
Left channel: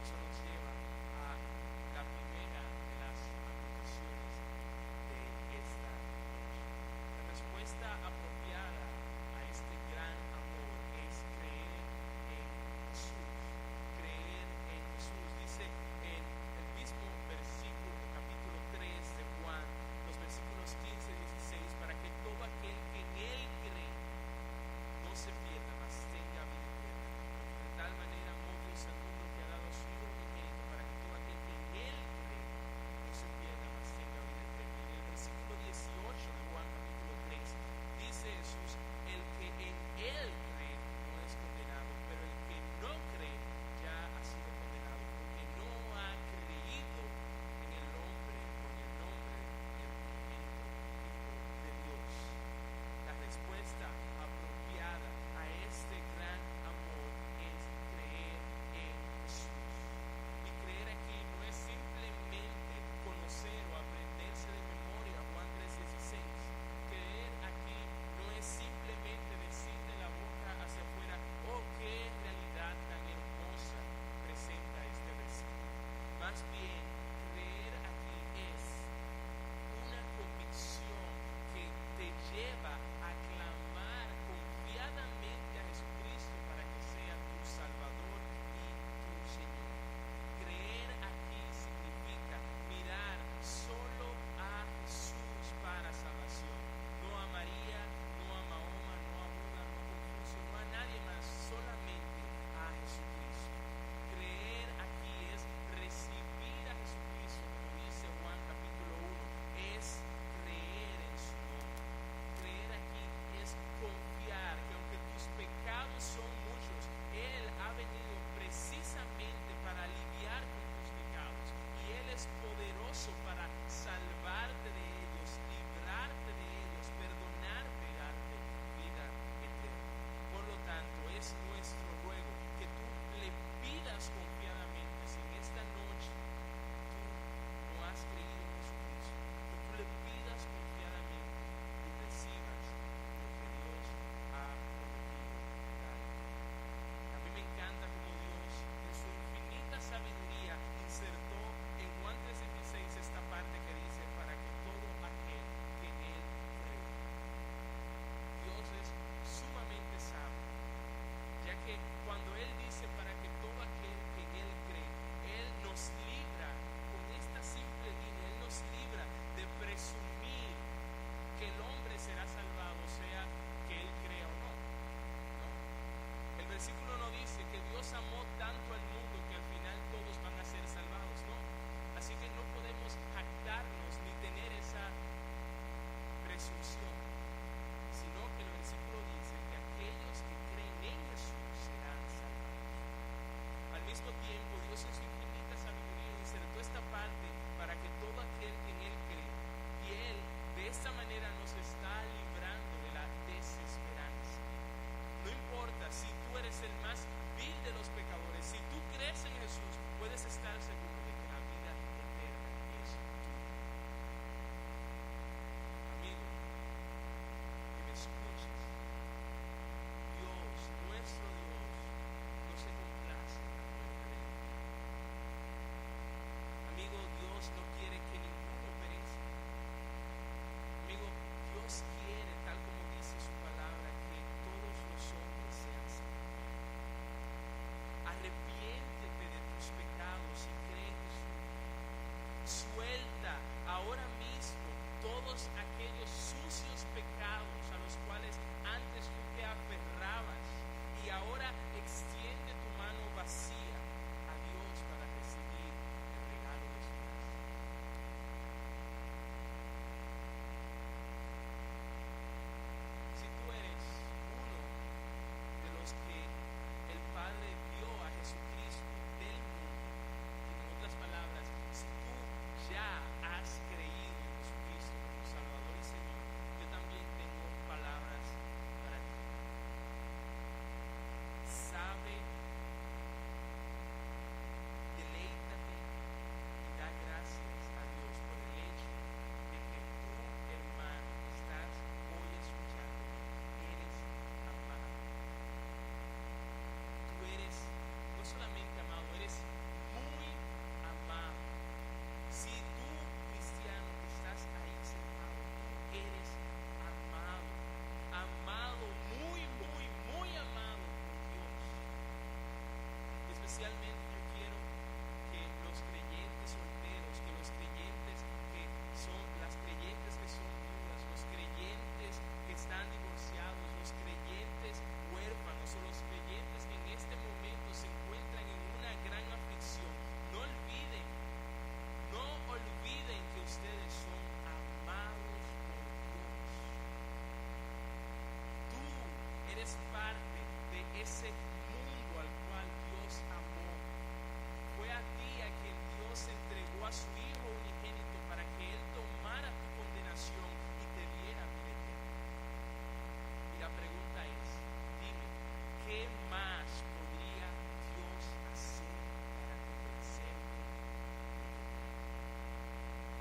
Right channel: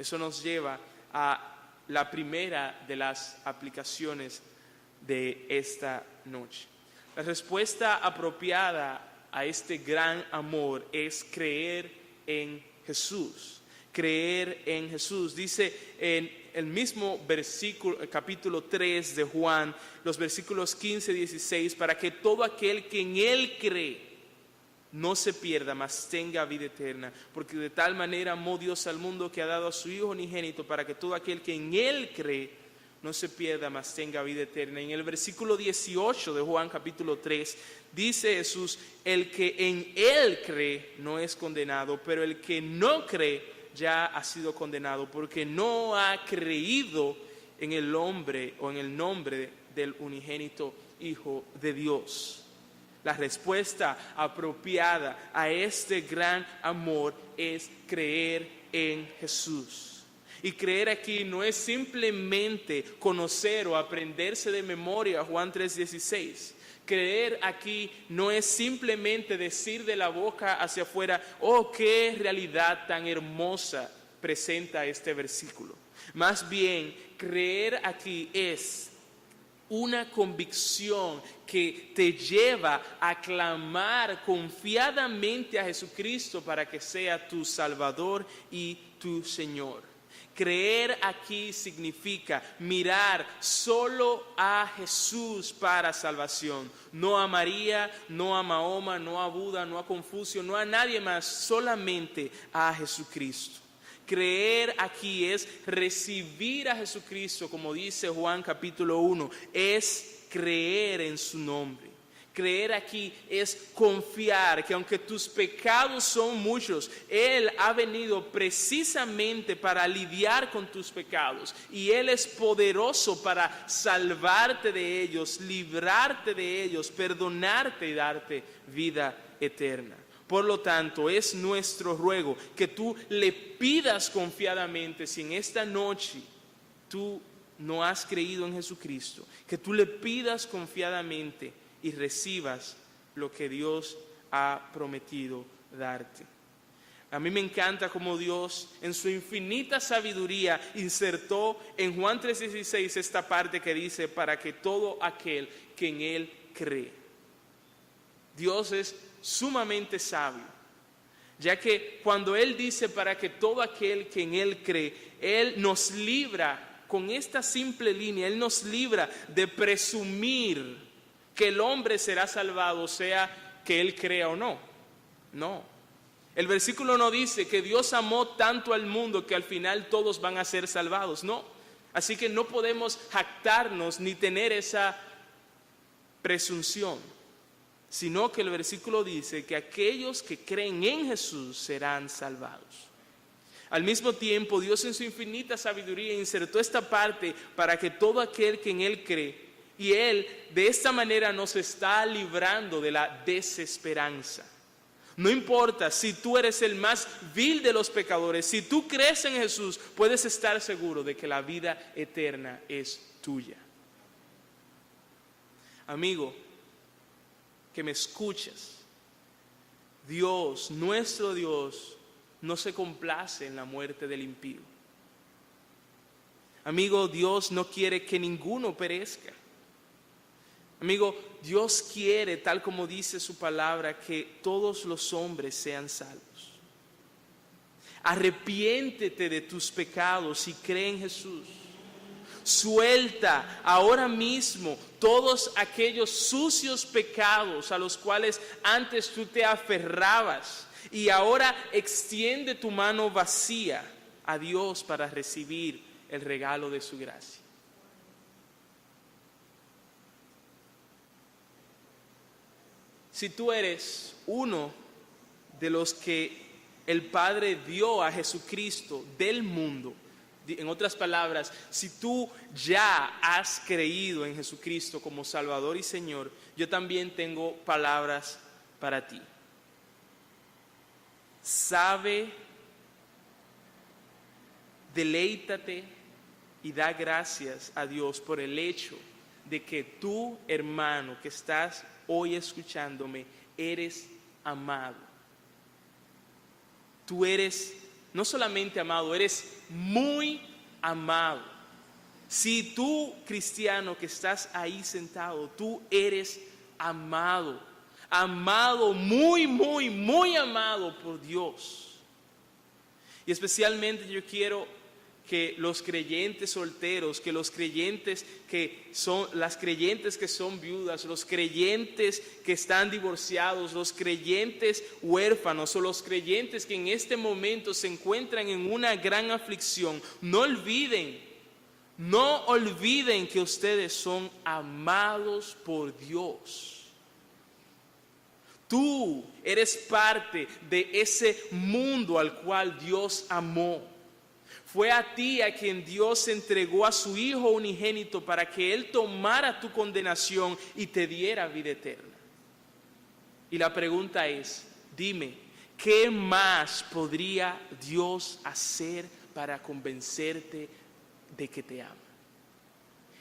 Eso nos lleva a la primera de las aplicaciones de esta noche. La respuesta apropiada a este gran amor es creer en Jesús. Creer en Jesús. Dice en el mismo versículo, capítulo 3 de Juan, los versículos 15 y 16, para que todo aquel que en Él cree no se pierda, mas tenga vida eterna. Porque de tal manera amó Dios al mundo que ha dado a su Hijo unigénito, para que todo aquel que en Él cree no se pierda, mas tenga vida eterna. En el versículo 18 de Juan capítulo 3, dice Jesús: el que en Él cree no es condenado, pero el que no cree ya ha sido condenado, porque no ha creído en el hombre o en el nombre del unigénito Hijo de Dios. La respuesta apropiada a este gran amor es creer en Jesús. Y creer aquí no es simplemente conocer o aprenderse de memoria Juan 3:16. Creer aquí no es simplemente decir de la boca hacia afuera: oh, qué realidad tan hermosa presenta este versículo. Más bien, creer aquí es una convicción que te lleva a clamar confiadamente a Jesucristo para que sea tu Salvador y tu Señor. Creer aquí significa mirar solo a Jesús para salvación, no a María, no a Mahoma, no a Buda, no a Confucio, no a nadie más, solamente a Jesucristo. Creer aquí es recibir a Jesucristo, como dice Juan capítulo 1, es creer en su nombre. Creer aquí es confiar que aunque tus pecados son muchos, Él ha venido precisamente para lidiar con tus pecados, y Él es poderoso para salvarte de ellos, librarte de ellos, perdonarte y darte vida eterna. Por lo tanto, es nuestro ruego que tú le pidas confiadamente, si en esta noche tú no has creído en Jesucristo, que tú le pidas confiadamente y recibas lo que Dios ha prometido darte. A mí me encanta cómo Dios en su infinita sabiduría insertó en Juan 3:16 esta parte que dice: para que todo aquel que en Él cree. Dios es sumamente sabio, ya que cuando Él dice para que todo aquel que en Él cree, Él nos libra con esta simple línea, Él nos libra de presumir que el hombre será salvado, sea que él crea o no. No. El versículo no dice que Dios amó tanto al mundo que al final todos van a ser salvados. No. Así que no podemos jactarnos ni tener esa presunción, sino que el versículo dice que aquellos que creen en Jesús serán salvados. Al mismo tiempo, Dios en su infinita sabiduría insertó esta parte para que todo aquel que en Él cree, y Él de esta manera nos está librando de la desesperanza. No importa si tú eres el más vil de los pecadores, si tú crees en Jesús, puedes estar seguro de que la vida eterna es tuya. Amigo, que me escuches, Dios, nuestro Dios, no se complace en la muerte del impío. Amigo, Dios no quiere que ninguno perezca. Amigo, Dios quiere, tal como dice su palabra, que todos los hombres sean salvos. Arrepiéntete de tus pecados y cree en Jesús. Suelta ahora mismo todos aquellos sucios pecados a los cuales antes tú te aferrabas, y ahora extiende tu mano vacía a Dios para recibir el regalo de su gracia. Si tú eres uno de los que el Padre dio a Jesucristo del mundo, en otras palabras, si tú ya has creído en Jesucristo como Salvador y Señor, yo también tengo palabras para ti. Sabe, deleítate y da gracias a Dios por el hecho de que tú, hermano, que estás hoy escuchándome, eres amado. Tú eres no solamente amado, eres muy amado. Si tú, cristiano, que estás ahí sentado, tú eres amado. Amado, muy, muy, muy amado por Dios. Y especialmente yo quiero que los creyentes solteros, que los creyentes que son, las creyentes que son viudas, los creyentes que están divorciados, los creyentes huérfanos o los creyentes que en este momento se encuentran en una gran aflicción, no olviden que ustedes son amados por Dios. Tú eres parte de ese mundo al cual Dios amó. Fue a ti a quien Dios entregó a su Hijo unigénito para que Él tomara tu condenación y te diera vida eterna. Y la pregunta es, dime, ¿qué más podría Dios hacer para convencerte de que te ama?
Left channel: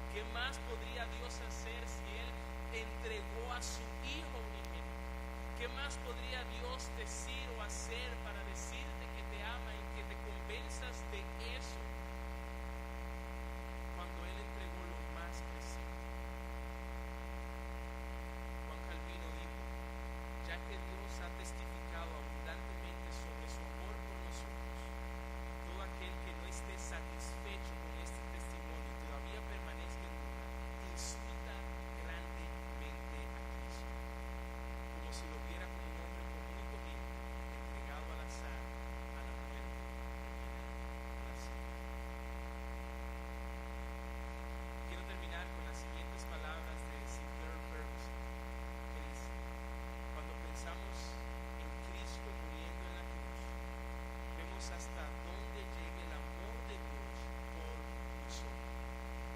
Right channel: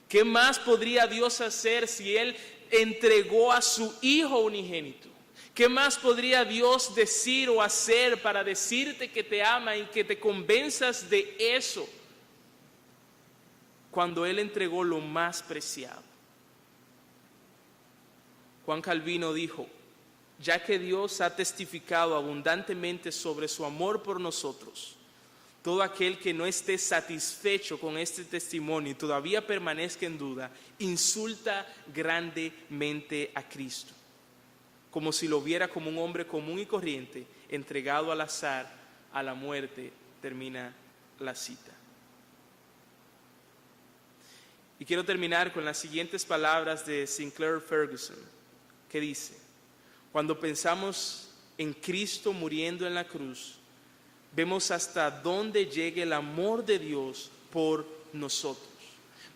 ¿Qué más podría Dios hacer si Él entregó a su Hijo unigénito? ¿Qué más podría Dios decir o hacer para decirte que te ama y que te convenzas de eso cuando Él entregó lo más preciado? Juan Calvino dijo, ya que Dios ha testificado abundantemente sobre su amor por nosotros, todo aquel que no esté satisfecho con este testimonio y todavía permanezca en duda, insulta grandemente a Cristo, como si lo viera como un hombre común y corriente, entregado al azar, a la muerte. Termina la cita. Y quiero terminar con las siguientes palabras de Sinclair Ferguson, que dice, cuando pensamos en Cristo muriendo en la cruz, vemos hasta dónde llega el amor de Dios por nosotros.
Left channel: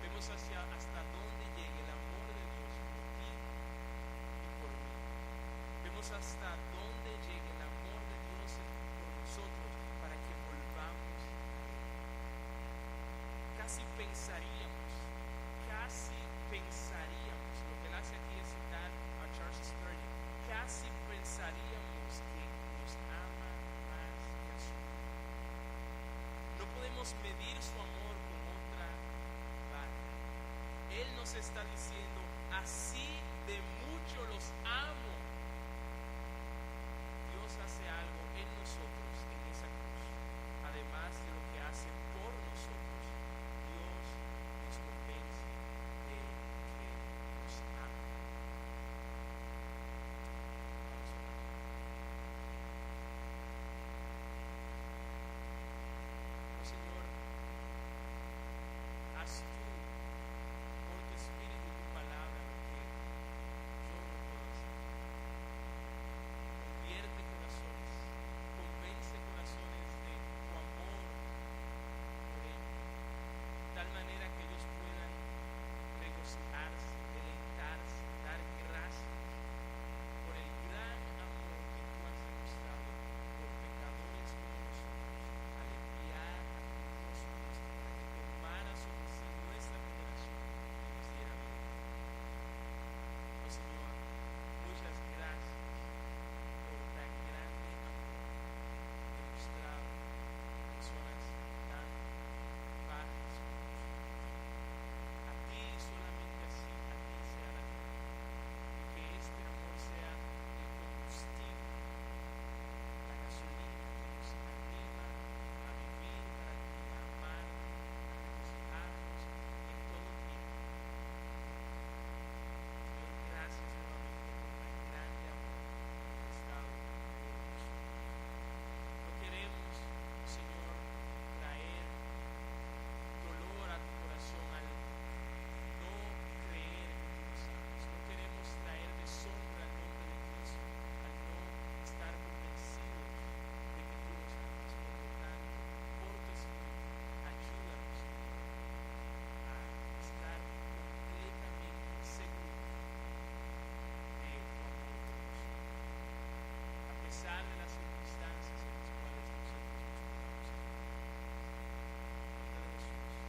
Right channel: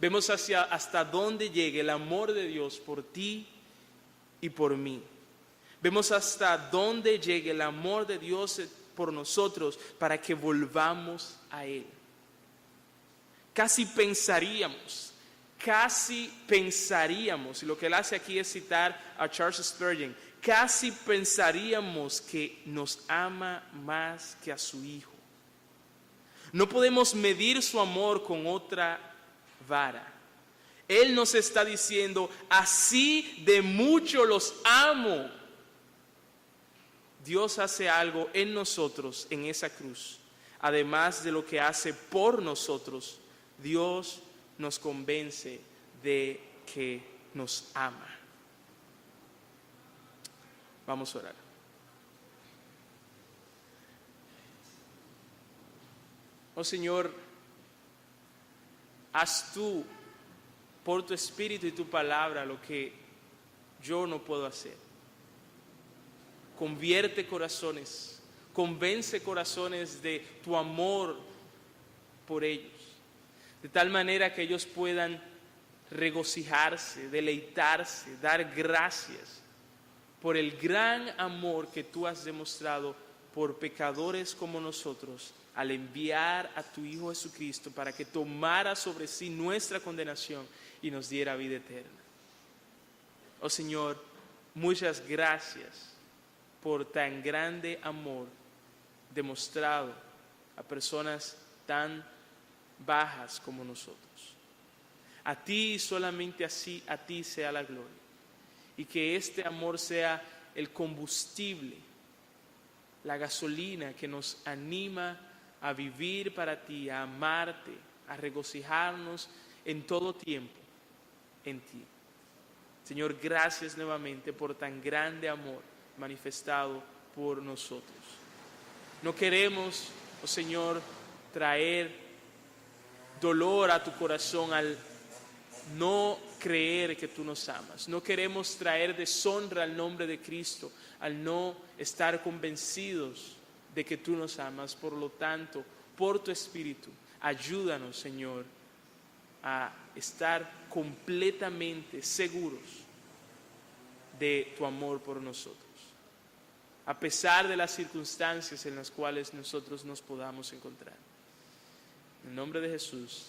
Vemos hasta dónde llega el amor de Dios por ti y por mí. Vemos hasta dónde llega el amor de Dios por nosotros para que volvamos a Él. Casi pensaríamos, y lo que Él hace aquí es citar a Charles Spurgeon, casi pensaríamos que nos ama más que a su Hijo. No podemos medir su amor con otra vara. Él nos está diciendo, así de mucho los amo. Dios hace algo en nosotros en esa cruz. Además de lo que hace por nosotros, Dios nos convence de que nos ama. Vamos a orar. Oh Señor, haz tú por tu Espíritu y tu palabra lo que yo no puedo hacer. Convierte corazones, Convence corazones de tu amor por ellos, de tal manera que ellos puedan regocijarse, deleitarse, dar gracias por el gran amor que tú has demostrado por pecadores como nosotros al enviar a tu Hijo Jesucristo para que tomara sobre sí nuestra condenación y nos diera vida eterna. Oh Señor, muchas gracias por tan grande amor demostrado a personas tan bajas como nosotros. A ti, solamente así, a ti sea la gloria. Y que este amor sea el combustible, la gasolina que nos anima a vivir para ti, a amarte, a regocijarnos en todo tiempo en ti. Señor, gracias nuevamente por tan grande amor manifestado por nosotros. No queremos, oh Señor, traer dolor a tu corazón al no creer que tú nos amas. No queremos traer deshonra al nombre de Cristo al no estar convencidos de que tú nos amas. Por lo tanto, por tu Espíritu, ayúdanos, Señor, a estar completamente seguros de tu amor por nosotros, a pesar de las circunstancias en las cuales nosotros nos podamos encontrar. En el nombre de Jesús.